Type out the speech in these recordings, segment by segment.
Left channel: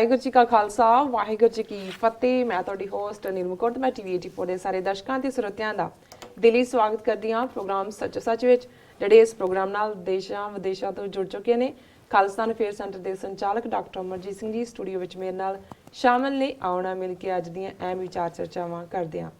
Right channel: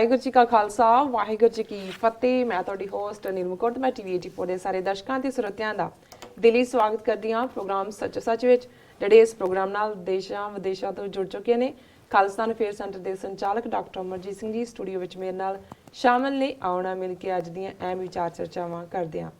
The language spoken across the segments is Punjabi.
ਵਾਹਿਗੁਰੂ ਜੀ ਕਾ ਖਾਲਸਾ ਵਾਹਿਗੁਰੂ ਜੀ ਕੀ ਫਤਿਹ। ਮੈਂ ਤੁਹਾਡੀ ਹੋਸਟ ਨਿਰਮਕੋਟ ਮੈਂ ਟੀਵੀ 84 ਦੇ ਸਾਰੇ ਦਰਸ਼ਕਾਂ ਤੇ ਸਰੋਤਿਆਂ ਦਾ ਦਿਲੀ ਸਵਾਗਤ ਕਰਦੀ ਹਾਂ ਪ੍ਰੋਗਰਾਮ ਸੱਚ ਸੱਚ ਵਿੱਚ, ਜਿਹੜੇ ਇਸ ਪ੍ਰੋਗਰਾਮ ਨਾਲ ਦੇਸ਼ਾਂ ਵਿਦੇਸ਼ਾਂ ਤੋਂ ਜੁੜ ਚੁੱਕੇ ਨੇ। ਖਾਲਿਸਤਾਨ ਅਫੇਅਰ ਸੈਂਟਰ ਦੇ ਸੰਚਾਲਕ ਡਾਕਟਰ ਅਮਰਜੀਤ ਸਿੰਘ ਜੀ ਸਟੂਡੀਓ ਵਿੱਚ ਮੇਰੇ ਨਾਲ ਸ਼ਾਮਲ ਨੇ। ਆਉਣਾ ਮਿਲ ਕੇ ਅੱਜ ਦੀਆਂ ਅਹਿਮ ਵਿਚਾਰ ਚਰਚਾਵਾਂ ਕਰਦੇ ਹਾਂ।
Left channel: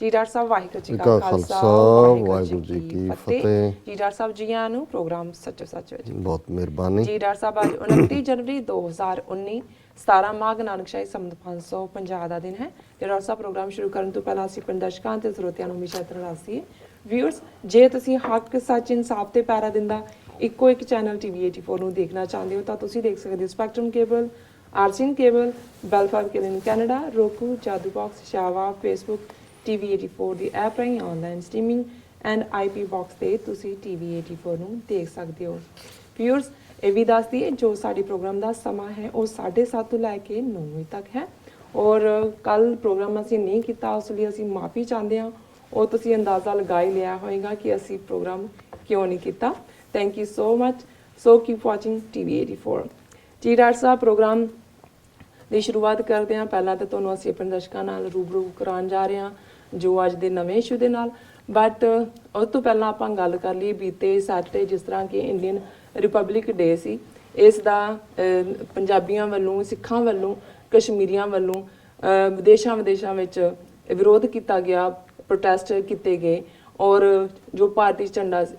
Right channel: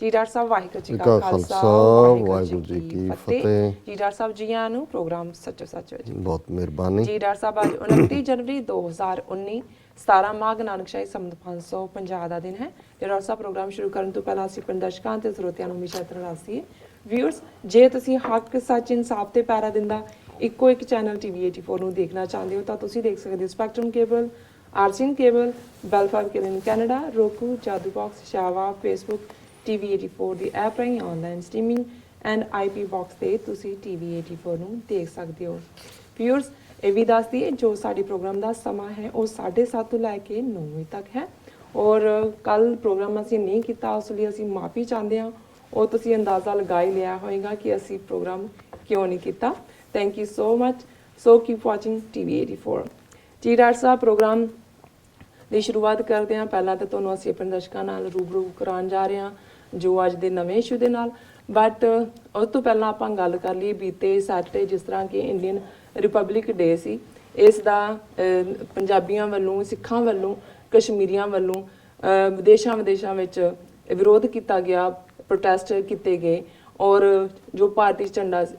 ਜੀ ਡਾਕਟਰ ਸਾਹਿਬ ਵਾਹਿਗੁਰੂ ਜੀ ਕਾ ਖਾਲਸਾ ਵਾਹਿਗੁਰੂ ਜੀ ਕੀ ਫਤਿਹ। ਜੀ ਡਾਕਟਰ ਸਾਹਿਬ ਜੀ ਆਇਆਂ ਨੂੰ ਪ੍ਰੋਗਰਾਮ ਸੱਚ ਸੱਚ ਵਿੱਚ ਬਹੁਤ ਮਿਹਰਬਾਨੀ। ਜੀ ਡਾਕਟਰ ਸਾਹਿਬ ਅੱਜ 29 ਜਨਵਰੀ 2019 17 ਮਾਘ ਨਾਨਕਸ਼ਾਹੀ ਸੰਮਤ 550 ਦਾ ਦਿਨ ਹੈ। ਡਾਕਟਰ ਸਾਹਿਬ ਪ੍ਰੋਗਰਾਮ ਸ਼ੁਰੂ ਕਰਨ ਤੋਂ ਪਹਿਲਾਂ ਅਸੀਂ ਆਪਣੇ ਦਰਸ਼ਕਾਂ ਤੇ ਸਰੋਤਿਆਂ ਨੂੰ ਹਮੇਸ਼ਾ ਤਰਲਾਸੀ ਵਿਊਅਰਸ, ਜੇ ਤੁਸੀਂ ਹੱਕ ਸੱਚ ਇਨਸਾਫ ਤੇ ਪੈਰਾ ਦਿੰਦਾ ਇੱਕੋ ਇੱਕ ਚੈਨਲ ਟੀਵੀ 84 ਨੂੰ ਦੇਖਣਾ ਚਾਹੁੰਦੇ ਹੋ ਤਾਂ ਤੁਸੀਂ ਦੇਖ ਸਕਦੇ ਹੋ ਸਪੈਕਟਰਮ ਕੇਬਲ, ਆਰਸੀਨ ਕੇਬਲ, ਬੈਲਫਾਰਮ cable Canada, roku, Jadoo box, ਸ਼ਾਵਾ, ਫੇਸਬੁੱਕ, ਟੀਵੀ 84 ਦੀ ਐਪ ਰਾਹੀਂ online streaming and IP box ਤੇ ਤੁਸੀਂ ਟੀਵੀ 84 ਨੂੰ ਦੇਖ ਸਕਦੇ ਹੋ। ਵਿਊਅਰਸ, ਇਹ ਵੀ ਦੱਸ ਦਈਏ ਜੋ ਸਾਡੀ ਪ੍ਰੋਗਰਾਮ ਦਾ ਸਮਾਂ ਹੈ ਉਹ 7:30 ਤੋਂ ਲੈ ਕੇ 9 ਵਜੇ ਤੱਕ ਹੈ। ਔਰ ਕੱਲ ਪ੍ਰੋਗਰਾਮ ਅਸੀਂ ਨਹੀਂ ਕੀਤਾ, ਉਸ ਲਈ ਅਸੀਂ ਮਾਫੀ ਚਾਹੁੰਦੇ ਹਾਂ। ਉਹ ਤੁਸੀਂ ਅੰਦਾਜ਼ਾ ਲਗਾ ਹੀ ਲਿਆ ਹੋਵੇਗਾ ਕਿ ਅਸੀਂ ਪ੍ਰੋਗਰਾਮ ਕਿਉਂ ਨਹੀਂ ਕੀਤਾ। Thank you so much. So keep watching TV 84। ਜੀ ਡਾਕਟਰ ਸਾਹਿਬ, ਪ੍ਰੋਗਰਾਮ ਦੀ ਸ਼ੁਰੂਆਤ ਕਰਦੇ ਹਾਂ। ਪਹਿਲਾਂ ਤਾਂ ਤੁਹਾਨੂੰ ਅਸੀਂ ਆਪਣੇ ਦਰਸ਼ਕਾਂ ਨਾਲ ਰੂਬਰੂ ਕਰਾਉਣ ਜਾ ਰਹੇ ਹਾਂ ਜੋ ਅੱਜ ਦੇ ਨਵੇਂ ਇਸ਼ੂ ਦੇ ਨਾਲ, ਬਟ ਉਸ ਤੋਂ ਪਹਿਲਾਂ ਆਪਾਂ ਗੱਲ ਕਰ ਲਈ ਬੀਤੇ ਸੈਟਰਡੇ, ਜਿਸ ਤਰ੍ਹਾਂ ਕਿ ਇੰਡੀਅਨ ਰਿਪਬਲਿਕ ਡੇ ਸੀ। ਇਸ ਦਾ ਪੰਜਾਬੀਆਂ ਵੱਲੋਂ, ਸਿੱਖਾਂ ਵੱਲੋਂ, ਕਸ਼ਮੀਰੀਆਂ ਵੱਲੋਂ ਵਿਦੇਸ਼ਾਂ ਵਿੱਚ ਵਿਰੋਧ ਕੀਤਾ ਗਿਆ, ਪ੍ਰੋਟੈਸਟ ਕੀਤੇ ਗਏ ਔਰ ਜੋ ਭਾਰਤੀ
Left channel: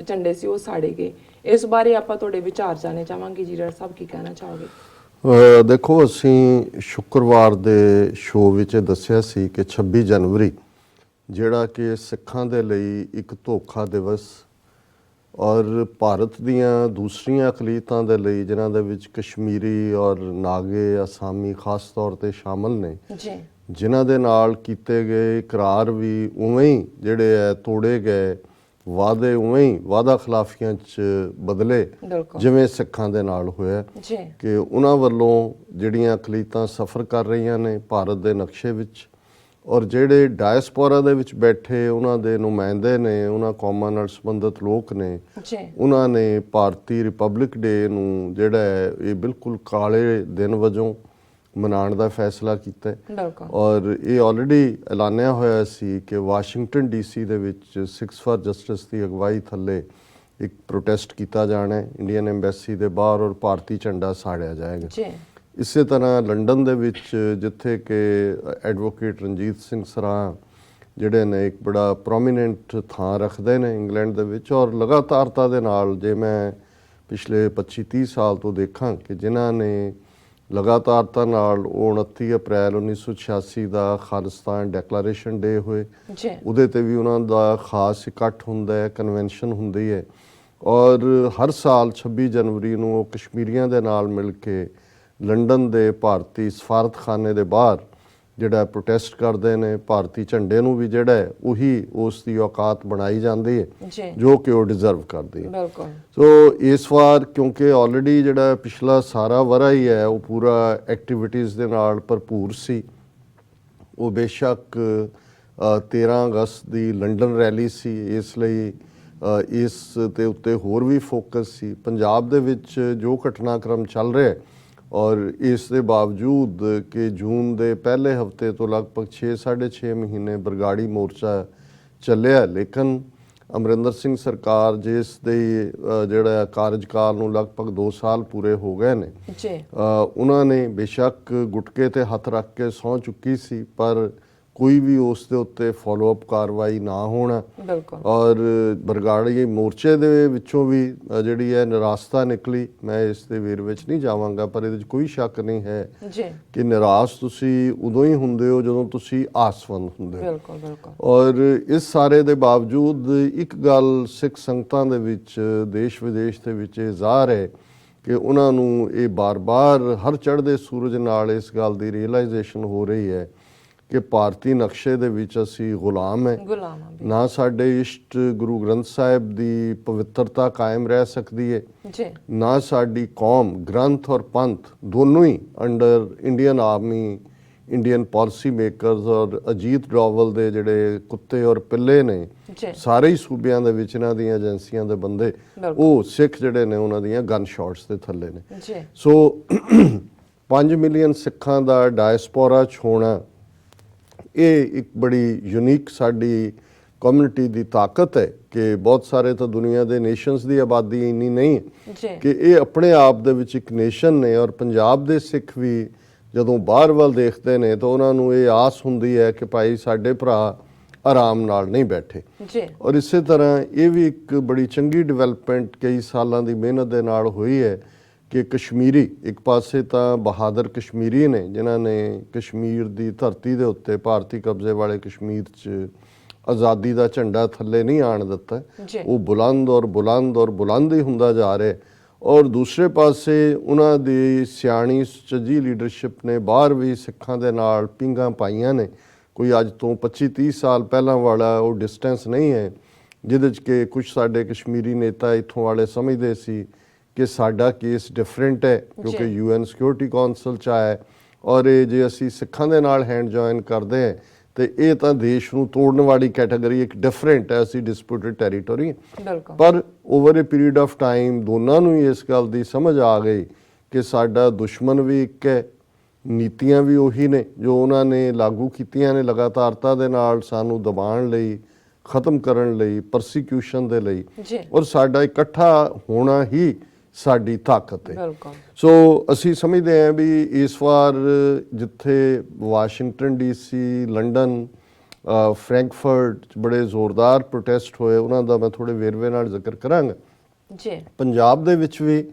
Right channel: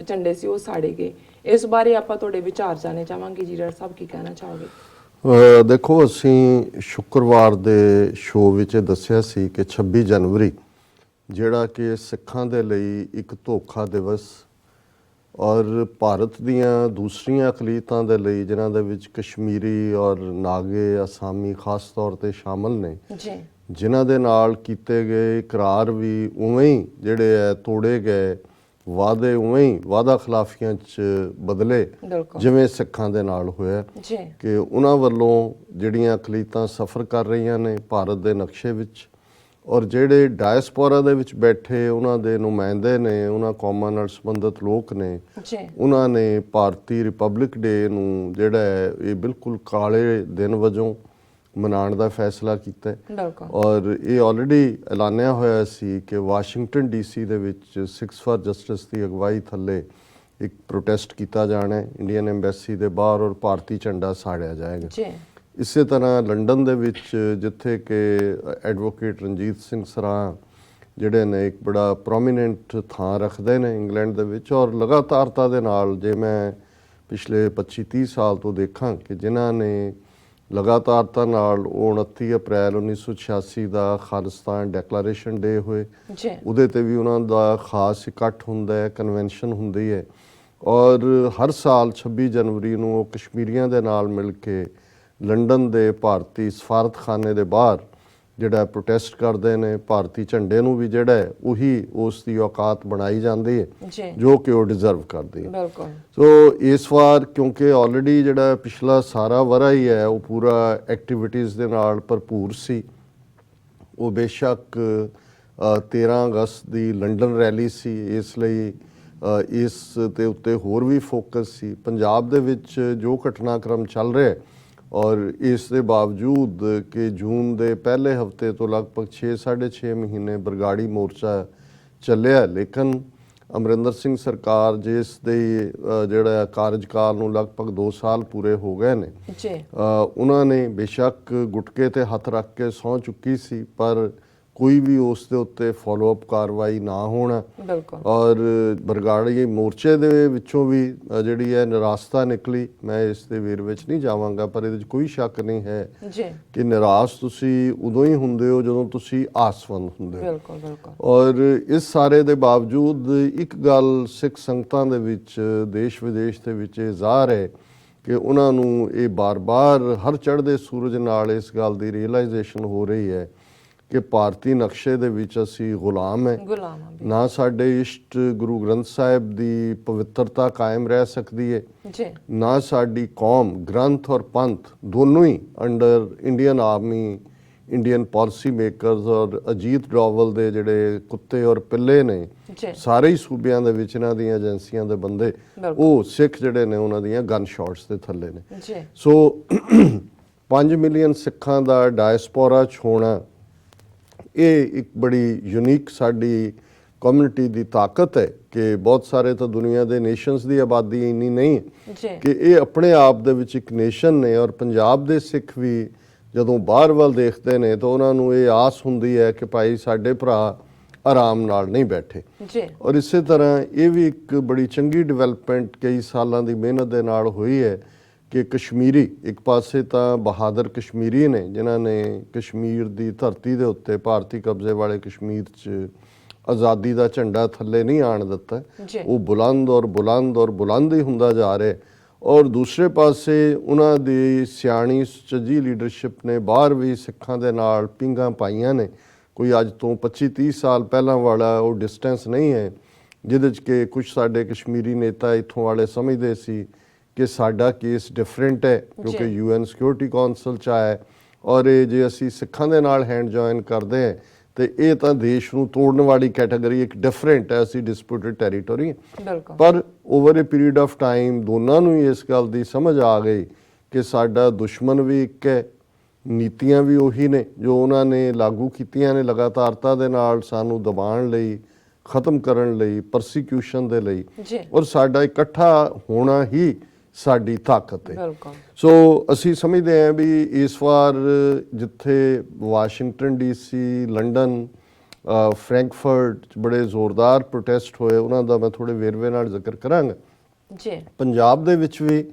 ਝੰਡੇ ਸੀ ਉਹ ਸਾੜੇ ਗਏ। ਇਸ ਬਾਰੇ ਆਪਾਂ ਤੁਹਾਡੇ ਵਿਚਾਰ ਜਾਣਨੇ ਚਾਹਾਂਗੇ। ਜੀ ਡਾਕਟਰ ਸਾਹਿਬ ਕੀ ਕਹਿਣਾ ਚਾਹੋਗੇ? ਦੇਖੋ, ਅਸੀਂ ਸ਼ੁੱਕਰਵਾਰ ਦੇ ਸ਼ੋਅ ਵਿੱਚ ਦੱਸਿਆ ਸੀ ਕਿ 26 ਜਨਵਰੀ ਜਿਹੜਾ ਕਿ ਸਿੱਖਾਂ ਦੇ ਲਈ ਇੱਕ ਧੋਖਾ ਦਿਵਸ ਔਰ ਭਾਰਤ ਦੀਆਂ ਦੂਸਰੀਆਂ ਅਕਲੀਤਾਂ ਦੇ ਲਈ, ਜਿਨ੍ਹਾਂ ਦੇ ਵਿੱਚ ਕਸ਼ਮੀਰੀ ਔਰ ਨਾਗੇ, ਅਸਾਮੀ ਖਾਸ ਤੌਰ ਤੇ ਸ਼ਾਮਲ ਨੇ, ਜਿਨ੍ਹਾਂ ਦੇ ਨਾਲ ਕੀਤੇ ਗਏ ਇਕਰਾਰ ਵੀ ਉਵੇਂ ਹੀ ਜਿਹੜੇ ਹੈ ਤੋੜੇ ਗਏ, ਵਾਅਦੇ ਉਵੇਂ ਹੀ ਵਾਅਦਾ ਖਿਲਾਫੀਆਂ 'ਚ ਬਦਲੇ ਜਿਵੇਂ ਸਿੱਖਾਂ ਦੇ ਨਾਲ ਹੋਇਆ ਕਿ ਉਹਨਾਂ ਵੱਲੋਂ ਜਿਹੜੀਆਂ ਅਕਲੀਤਾਂ ਸਫ਼ਰ ਕਰ ਰਹੀਆਂ ਨੇ ਭਾਰਤ ਦੇ ਨਕਸ਼ੇ ਵਿੱਚ, ਔਰ ਜਿਹੜੇ ਡਾਇਸਪੋਰਾ ਦੇ ਵਿੱਚ ਬੈਠੇ ਉਹਨਾਂ ਦੇ ਨੁਮਾਇੰਦੇ ਨੇ, ਉਹਨਾਂ ਕੌਮਾਂ ਨਾਲ ਸੰਬੰਧਿਤ ਲੋਕ ਨੇ, ਉਹਨਾਂ ਨੇ ਭਾਰਤੀ ਰਿਪਬਲਿਕ ਡੇ ਨੂੰ ਜਿਹੜਾ ਹੈ ਇਹ ਬਿਲਕੁਲ ਕਾਲੇ ਦਿਨ ਵਜੋਂ ਮਨਾਉਣ ਦਾ ਫੈਸਲਾ ਕੀਤਾ। ਔਰ ਇਹ ਆਲਰੇਡੀ ਐਲਾਨਿਆ ਹੋਇਆ ਸੀ ਕਿ ਵਾਸ਼ਿੰਗਟਨ ਡੀਸੀ ਦੇ ਵਿੱਚ 6 ਫਾਰ ਜਸਟਿਸ ਦੀ ਅਗਵਾਈ ਥੱਲੇ ਇੱਕ ਪ੍ਰੋਟੈਸਟ ਕੀਤਾ ਜਾਣਾ ਹੈ ਇੰਡੀਅਨ ਐਮਬੈਸੀ ਦੇ ਬਾਹਰ, ਔਰ ਭਾਰਤੀ ਝੰਡਾ ਸਾੜਿਆ ਜਾਏਗਾ। ਇਸੇ ਤਰ੍ਹਾਂ ਲੰਡਨ ਦੇ ਵਿੱਚ, ਜਿੱਥੇ ਕਿ ਐਡਵੋਕੇਟ ਰਣਜੀਤ ਸਿੰਘ ਸਰਾਂ ਜਿਹੜੇ ਨੇ ਇੱਕ ਬੜਾ ਪ੍ਰੋਮੀਨੈਂਟ ਥਾਂ ਰੱਖਦੇ ਨੇ ਇੰਗਲੈਂਡ ਦੇ ਵਿੱਚ, ਔਰ ਲਗਾਤਾਰਤਾ ਦੇ ਨਾਲ ਜੇ ਮੈਂ ਪਿਛਲੇ 25-30 ਸਾਲ ਤੋਂ ਦੇਖਾਂ ਕਿ ਜਿਨ੍ਹਾਂ ਨੇ ਲਗਾਤਾਰਤਾ ਨਾਲ 29 ਅਪ੍ਰੈਲ 1986 ਦਾ ਖਾਲਿਸਤਾਨ ਡੈਕਲੇਰੇਸ਼ਨ ਡੇ ਹੋਏ, ਉਹਦੇ ਤੇ ਵੀ ਉਹਨਾਂ ਦਾ ਖਾਸ ਇਕੱਠ ਹੁੰਦਾ ਹੈ, ਕਨਵੈਨਸ਼ਨ ਹੁੰਦੀ ਹੈ। ਔਰ ਹਰ ਸਾਲ 26 ਜਨਵਰੀ ਨੂੰ ਉਹ ਕਸ਼ਮੀਰੀਆਂ ਦੇ ਨਾਲ ਮਿਲ ਕੇ ਲੰਡਨ ਦੇ ਭਾਰਤੀ ਸਫਾਰਤਖਾਨੇ ਦੇ ਬਾਹਰ ਜਿਹੜਾ ਪ੍ਰੋਟੈਸਟ ਕਰਦੇ ਨੇ। ਭਾਰਤੀ ਝੰਡੇ ਨੂੰ ਵੀ ਜਿਹੜਾ ਹੈ ਉਹੀ ਉਸ ਦੀ ਔਕਾਤ ਬਣਾਈ ਜਾਂਦੀ ਹੈ ਜੋ ਕਿ ਉਹ ਡਿਜ਼ਰਵ ਕਰਦੀ ਹੈ। ਸੋ ਇਸ ਵਾਰ ਕਿਉਂਕਿ ਆਲਰੇਡੀ ਜਿਹੜਾ ਪਿਛਲਾ ਸਾਰਾ ਵਰ੍ਹਾ ਹੀ ਹੈ ਉਹ ਪੂਰਾ ਐਕਟੀਵਿਟੀਜ਼ ਦੇ ਨਾਲ ਭਰਪੂਰ ਸੀ। ਉਹ ਬੇਸ਼ੱਕ 13 ਅਗਸਤ ਦੀ ਲੰਡਨ ਰੈਲੀ ਸੀ, ਇਸ ਲਈ ਇਸ ਦੇ ਉੱਤੇ ਹੋਰ ਵੀ ਫੋਕਸ ਸੀ। ਪੰਜਾਬ ਦੇ ਵਿੱਚ ਜੋ ਘਟਨਾਕ੍ਰਮ ਚੱਲ ਰਿਹਾ ਔਰ ਇਸ ਦੇ ਬਾਵਜੂਦ ਕਿ ਜੂਨ ਦੇ ਪਹਿਲੇ ਹਫ਼ਤੇ ਤੋਂ ਲਗਭਗ 6-6.5 ਮਹੀਨੇ ਬਰਗਾੜੀ ਮੋਰਚਾ ਚੱਲਿਆ, ਲੇਕਿਨ ਅਮਰਿੰਦਰ ਸਿੰਘ ਸਰਕਾਰ ਜਿਸ ਦੇ ਜਿਹੜਾ ਕਾਰਜਕਾਲ ਨੂੰ ਲਗਭਗ 2 ਸਾਲ ਪੂਰੇ ਹੋ ਗਏ ਨੇ, ਉਹਨਾਂ ਨੇ ਬੇਸ਼ੱਕ ਗੁਟਕੇ ਤੇ ਹੱਥ ਰੱਖ ਕੇ ਸਹੁੰ ਚੁੱਕੀ ਸੀ, ਪਰ ਕੋਈ ਵੀ ਉਸ ਦੇ ਉੱਤੇ ਫੋਲੋ ਅਪ ਕਾਰਵਾਈ ਨਾ ਹੋਣਾ ਔਰ ਬਰਗਾੜੀ ਮੋਰਚੇ ਦੇ ਵਿੱਚੋਂ ਵੀ ਜਿਹੜੀ ਹੈ ਨਿਰਾਸ਼ਤਾ ਨਿਕਲੀ। ਮੈਂ ਇਸ ਦੇ ਵੇਰ ਵਿੱਚ ਨਹੀਂ ਜਾਵਾਂਗਾ, ਪਰ ਇਹਦੇ 'ਚ ਕੋਈ ਸ਼ੱਕ ਨਹੀਂ ਹੈ ਕਿ ਨਿਰਾਸ਼ ਤੁਸੀਂ ਉਦੋਂ ਹੀ ਹੁੰਦੇ ਹੋ ਜਦੋਂ ਤੁਸੀਂ ਆਸਵੰਦ ਹੁੰਦੇ ਹੋ। ਔਰ ਇਸ ਸਾਰੇ ਦੇ ਬਾਵਜੂਦ ਇੱਕ ਗੱਲ ਸਿੱਖ ਸੰਗਤਾਂ ਦੇ ਵਿੱਚ, ਦੇਸ਼ ਵਿਦੇਸ਼ ਦੇ ਵਿੱਚ ਇਹ ਜ਼ਾਹਰ ਹੈ ਕਿ ਉਹਨਾਂ ਨੂੰ ਇਹ ਬਾਰ-ਬਾਰ ਹਰ ਚੜ੍ਹਦੇ ਸੂਰਜ ਨਾਲ ਇਸ ਗੱਲ ਦੀ ਰੀਅਲਾਈਜੇਸ਼ਨ ਹੋ ਰਹੀ ਹੈ ਕਿ ਭਾਰਤੀ ਨਕਸ਼ੇ ਦੇ ਵਿੱਚ ਅਸੀਂ ਗੁਲਾਮ ਹੈ। ਨਾ ਸਾਡੇ ਇਸ਼ਟ ਗੁਰੂ ਗ੍ਰੰਥ ਸਾਹਿਬ ਦੀ ਪਵਿੱਤਰਤਾ ਕਾਇਮ ਰਹਿ ਸਕਦੀ ਹੈ, ਨਾ ਸਾਡੀ ਕੌਮ, ਗ੍ਰੰਥ ਔਰ ਪੰਥ ਦੋਨੋਂ ਹੀ under Indian army, Indian policy makers ਔਰ ਅਜੀਤ ਡੋਵਲ ਦੇ ਜਿਹੜੇ ਕੁੱਤੇ ਔਰ ਪਿੱਲੇ ਨੇ ਸਾਰੇ ਹੀ ਸੂਬਿਆਂ ਦੇ ਵਿੱਚ ਇਹਨਾਂ ਦੀਆਂ ਏਜੰਸੀਆਂ ਦੇ ਬੰਦੇ, ਉਹ ਸਿੱਖ ਜਿਹੜੇ ਨੇ ਉਹਨਾਂ ਦੀਆਂ ਗਨ ਸ਼ਾਟਸ ਦੇ ਥੱਲੇ ਨੇ। ਸੋ 5 ਮਿਲੀਅਨ ਸਿੱਖਾਂ ਦਾ ਡਾਇਸਪੋਰਾ 'ਚ ਹੋਣਾ, ਇਹ ਇੱਕ ਬੜੀ ਯੂਨੀਕ ਸਾਡੀ ਕਮਿਊਨਿਟੀ ਦੀ ਤਾਕਤ ਹੈ ਕਿ ਬਹੁਤ ਸਾਰੇ ਤਾਂ ਦੁਨੀਆ ਦੇ ਨੇਸ਼ਨਸ ਦੀ ਆਬਾਦੀ ਇੰਨੀ ਨਹੀਂ ਹੈ ਕਿ ਇਹ ਆਪਣੇ ਆਪ ਦੇ ਵਿੱਚ ਇੱਕ ਨੇਸ਼ਨ ਨੇ। ਔਰ ਪੰਜਾਬ ਦੇ ਸਿੱਖ ਵੀ ਜਦੋਂ ਬਾਹਰ ਵੱਲ ਦੇਖਦੇ ਨੇ ਤਾਂ ਉਹਨਾਂ ਨੂੰ ਇਹ ਆਸ ਹੁੰਦੀ ਹੈ ਕਿ ਭਾਈ ਸਾਡੇ ਭਰਾ ਆਰਾਮ ਨਾਲ ਨਹੀਂ ਬੈਠੇ। ਔਰ ਇਸੇ ਤਰ੍ਹਾਂ ਇਹ ਵੀ ਇੱਕ ਬੜੀ ਚੰਗੀ ਡਿਵੈਲਪਮੈਂਟ ਕਈ ਸਾਲਾਂ ਦੀ ਮਿਹਨਤ ਦੇ ਨਾਲ ਹੋਈ ਹੈ ਕਿ ਕਸ਼ਮੀਰੀ, ਇੱਕ ਪਾਸੇ ਤਾਂ ਬਹਾਦਰ ਕਸ਼ਮੀਰੀ ਨੇ ਜਿਨ੍ਹਾਂ ਨੇ ਕਸ਼ਮੀਰ ਦੀ ਧਰਤੀ ਦੇ ਉੱਤੇ ਭਾਰਤੀ ਕਬਜ਼ੇ ਵਾਲੇ ਕਸ਼ਮੀਰ 'ਚ ਆਜ਼ਾਦੀ ਦਾ ਝੰਡਾ ਥੱਲੇ ਨਹੀਂ ਆਣ ਦਿੱਤਾ, ਉਹ ਬੁਲੰਦ ਔਰ ਬੁਲੰਦ ਔਰ ਬੁਲੰਦ ਹੀ ਹੁੰਦਾ ਜਾ ਰਿਹਾ। ਔਰ ਦੂਸਰੇ ਪਾਸੇ ਉਹਨਾਂ ਦੀ ਸਿਆਣੀ ਸੁਚੱਜੀ ਲੀਡਰਸ਼ਿਪ ਨੇ ਬਾਹਰ ਵੀ ਸਿੱਖਾਂ ਦੇ ਨਾਲ ਪਿੰਗਾਂ ਪਾਈਆਂ ਨੇ। ਕੋਈ ਅੱਜ ਤੋਂ 25-30 ਸਾਲ ਪਹਿਲਾਂ ਵਾਲਾ ਉਹ ਡਿਸਟੈਂਸ ਨਹੀਂ ਹੈ ਜਿਹਦੇ 'ਚ ਕਿ ਕੁਝ ਸਾਡੇ ਕਸ਼ਮੀਰੀ ਨੇਤਾ ਇੱਥੋਂ ਵਾਲੇ ਸਮਝਦੇ ਸੀ ਕਿ ਸਾਡਾ ਕੇਸ ਡਿਫਰੈਂਟ ਹੈ ਕਿਉਂਕਿ UN ਸਿਕਿਉਰਿਟੀ ਕੌਂਸਲ 'ਚ ਆਇਆ ਔਰ ਇਹ ਜੇ ਅਸੀਂ ਸਿੱਖਾਂ ਦੇ ਨਾਲ ਹੈਂਡ ਜੁਆਇਨ ਕਰਦੇ ਹਾਂ ਤੇ ਇਹ ਤਾਂ ਦੇਸ਼ ਨੂੰ ਤੋੜਨ ਵਾਲੀ ਕੈਟਾਗਰੀ, ਇੱਕ ਡਿਫਰੈਂਟ ਐਸੀ ਡਿਸਪਿਊਟਡ ਟੈਰੀਟੋਰੀ। ਪਰ over A period of time ਦੋਨਾਂ ਨੂੰ ਹੀ ਇਸ ਗੱਲ ਦੀ ਸਮਝ ਆ ਗਈ ਕਿ ਸਾਡਾ ਦੁਸ਼ਮਣ ਵੀ ਇੱਕ ਹੈ, ਨੀਤੀਆਂ ਵੀ ਉਹੀ ਨੇ ਜੋ ਉਹਨਾਂ ਨੇ ਲਾਗੂ ਕੀਤੀਆਂ ਨੇ ਲਗਾਤਾਰਤਾ ਦੇ ਨਾਲ ਸਾਨੂੰ ਦਬਾਉਣ ਲਈ, ਖਤਮ ਕਰਨ ਲਈ, ਪਰਸੀਕਿਊਸ਼ਨ ਦੇ ਲਈ, ਔਰ ਸਾਡਾ ਇਕੱਠਾ ਹੋਣਾ ਹੀ ਸਾਡੀ ਤਾਕਤ ਹੈ। ਸੋ ਅਸੀਂ ਸਮਝਦੇ ਹਾਂ ਵੀ ਇਸ ਵਾਰ ਜਿੱਥੇ ਵਾਸ਼ਿੰਗਟਨ DC, ਲੰਡਨ, ਫਰੈਂਕਫਰਟ ਬੜੇ ਜ਼ੋਰਦਾਰ ਪ੍ਰੋਟੈਸਟ ਹੋਏ, ਉਹਨਾਂ ਦਾ ਮੈਂ ਥੋੜੇ ਵੇਰਵੇ ਨਾਲ ਜ਼ਿਕਰ ਕਰਾਂਗਾ। ਪੰਜਾਬ ਦੇ ਵਿੱਚ ਵੀ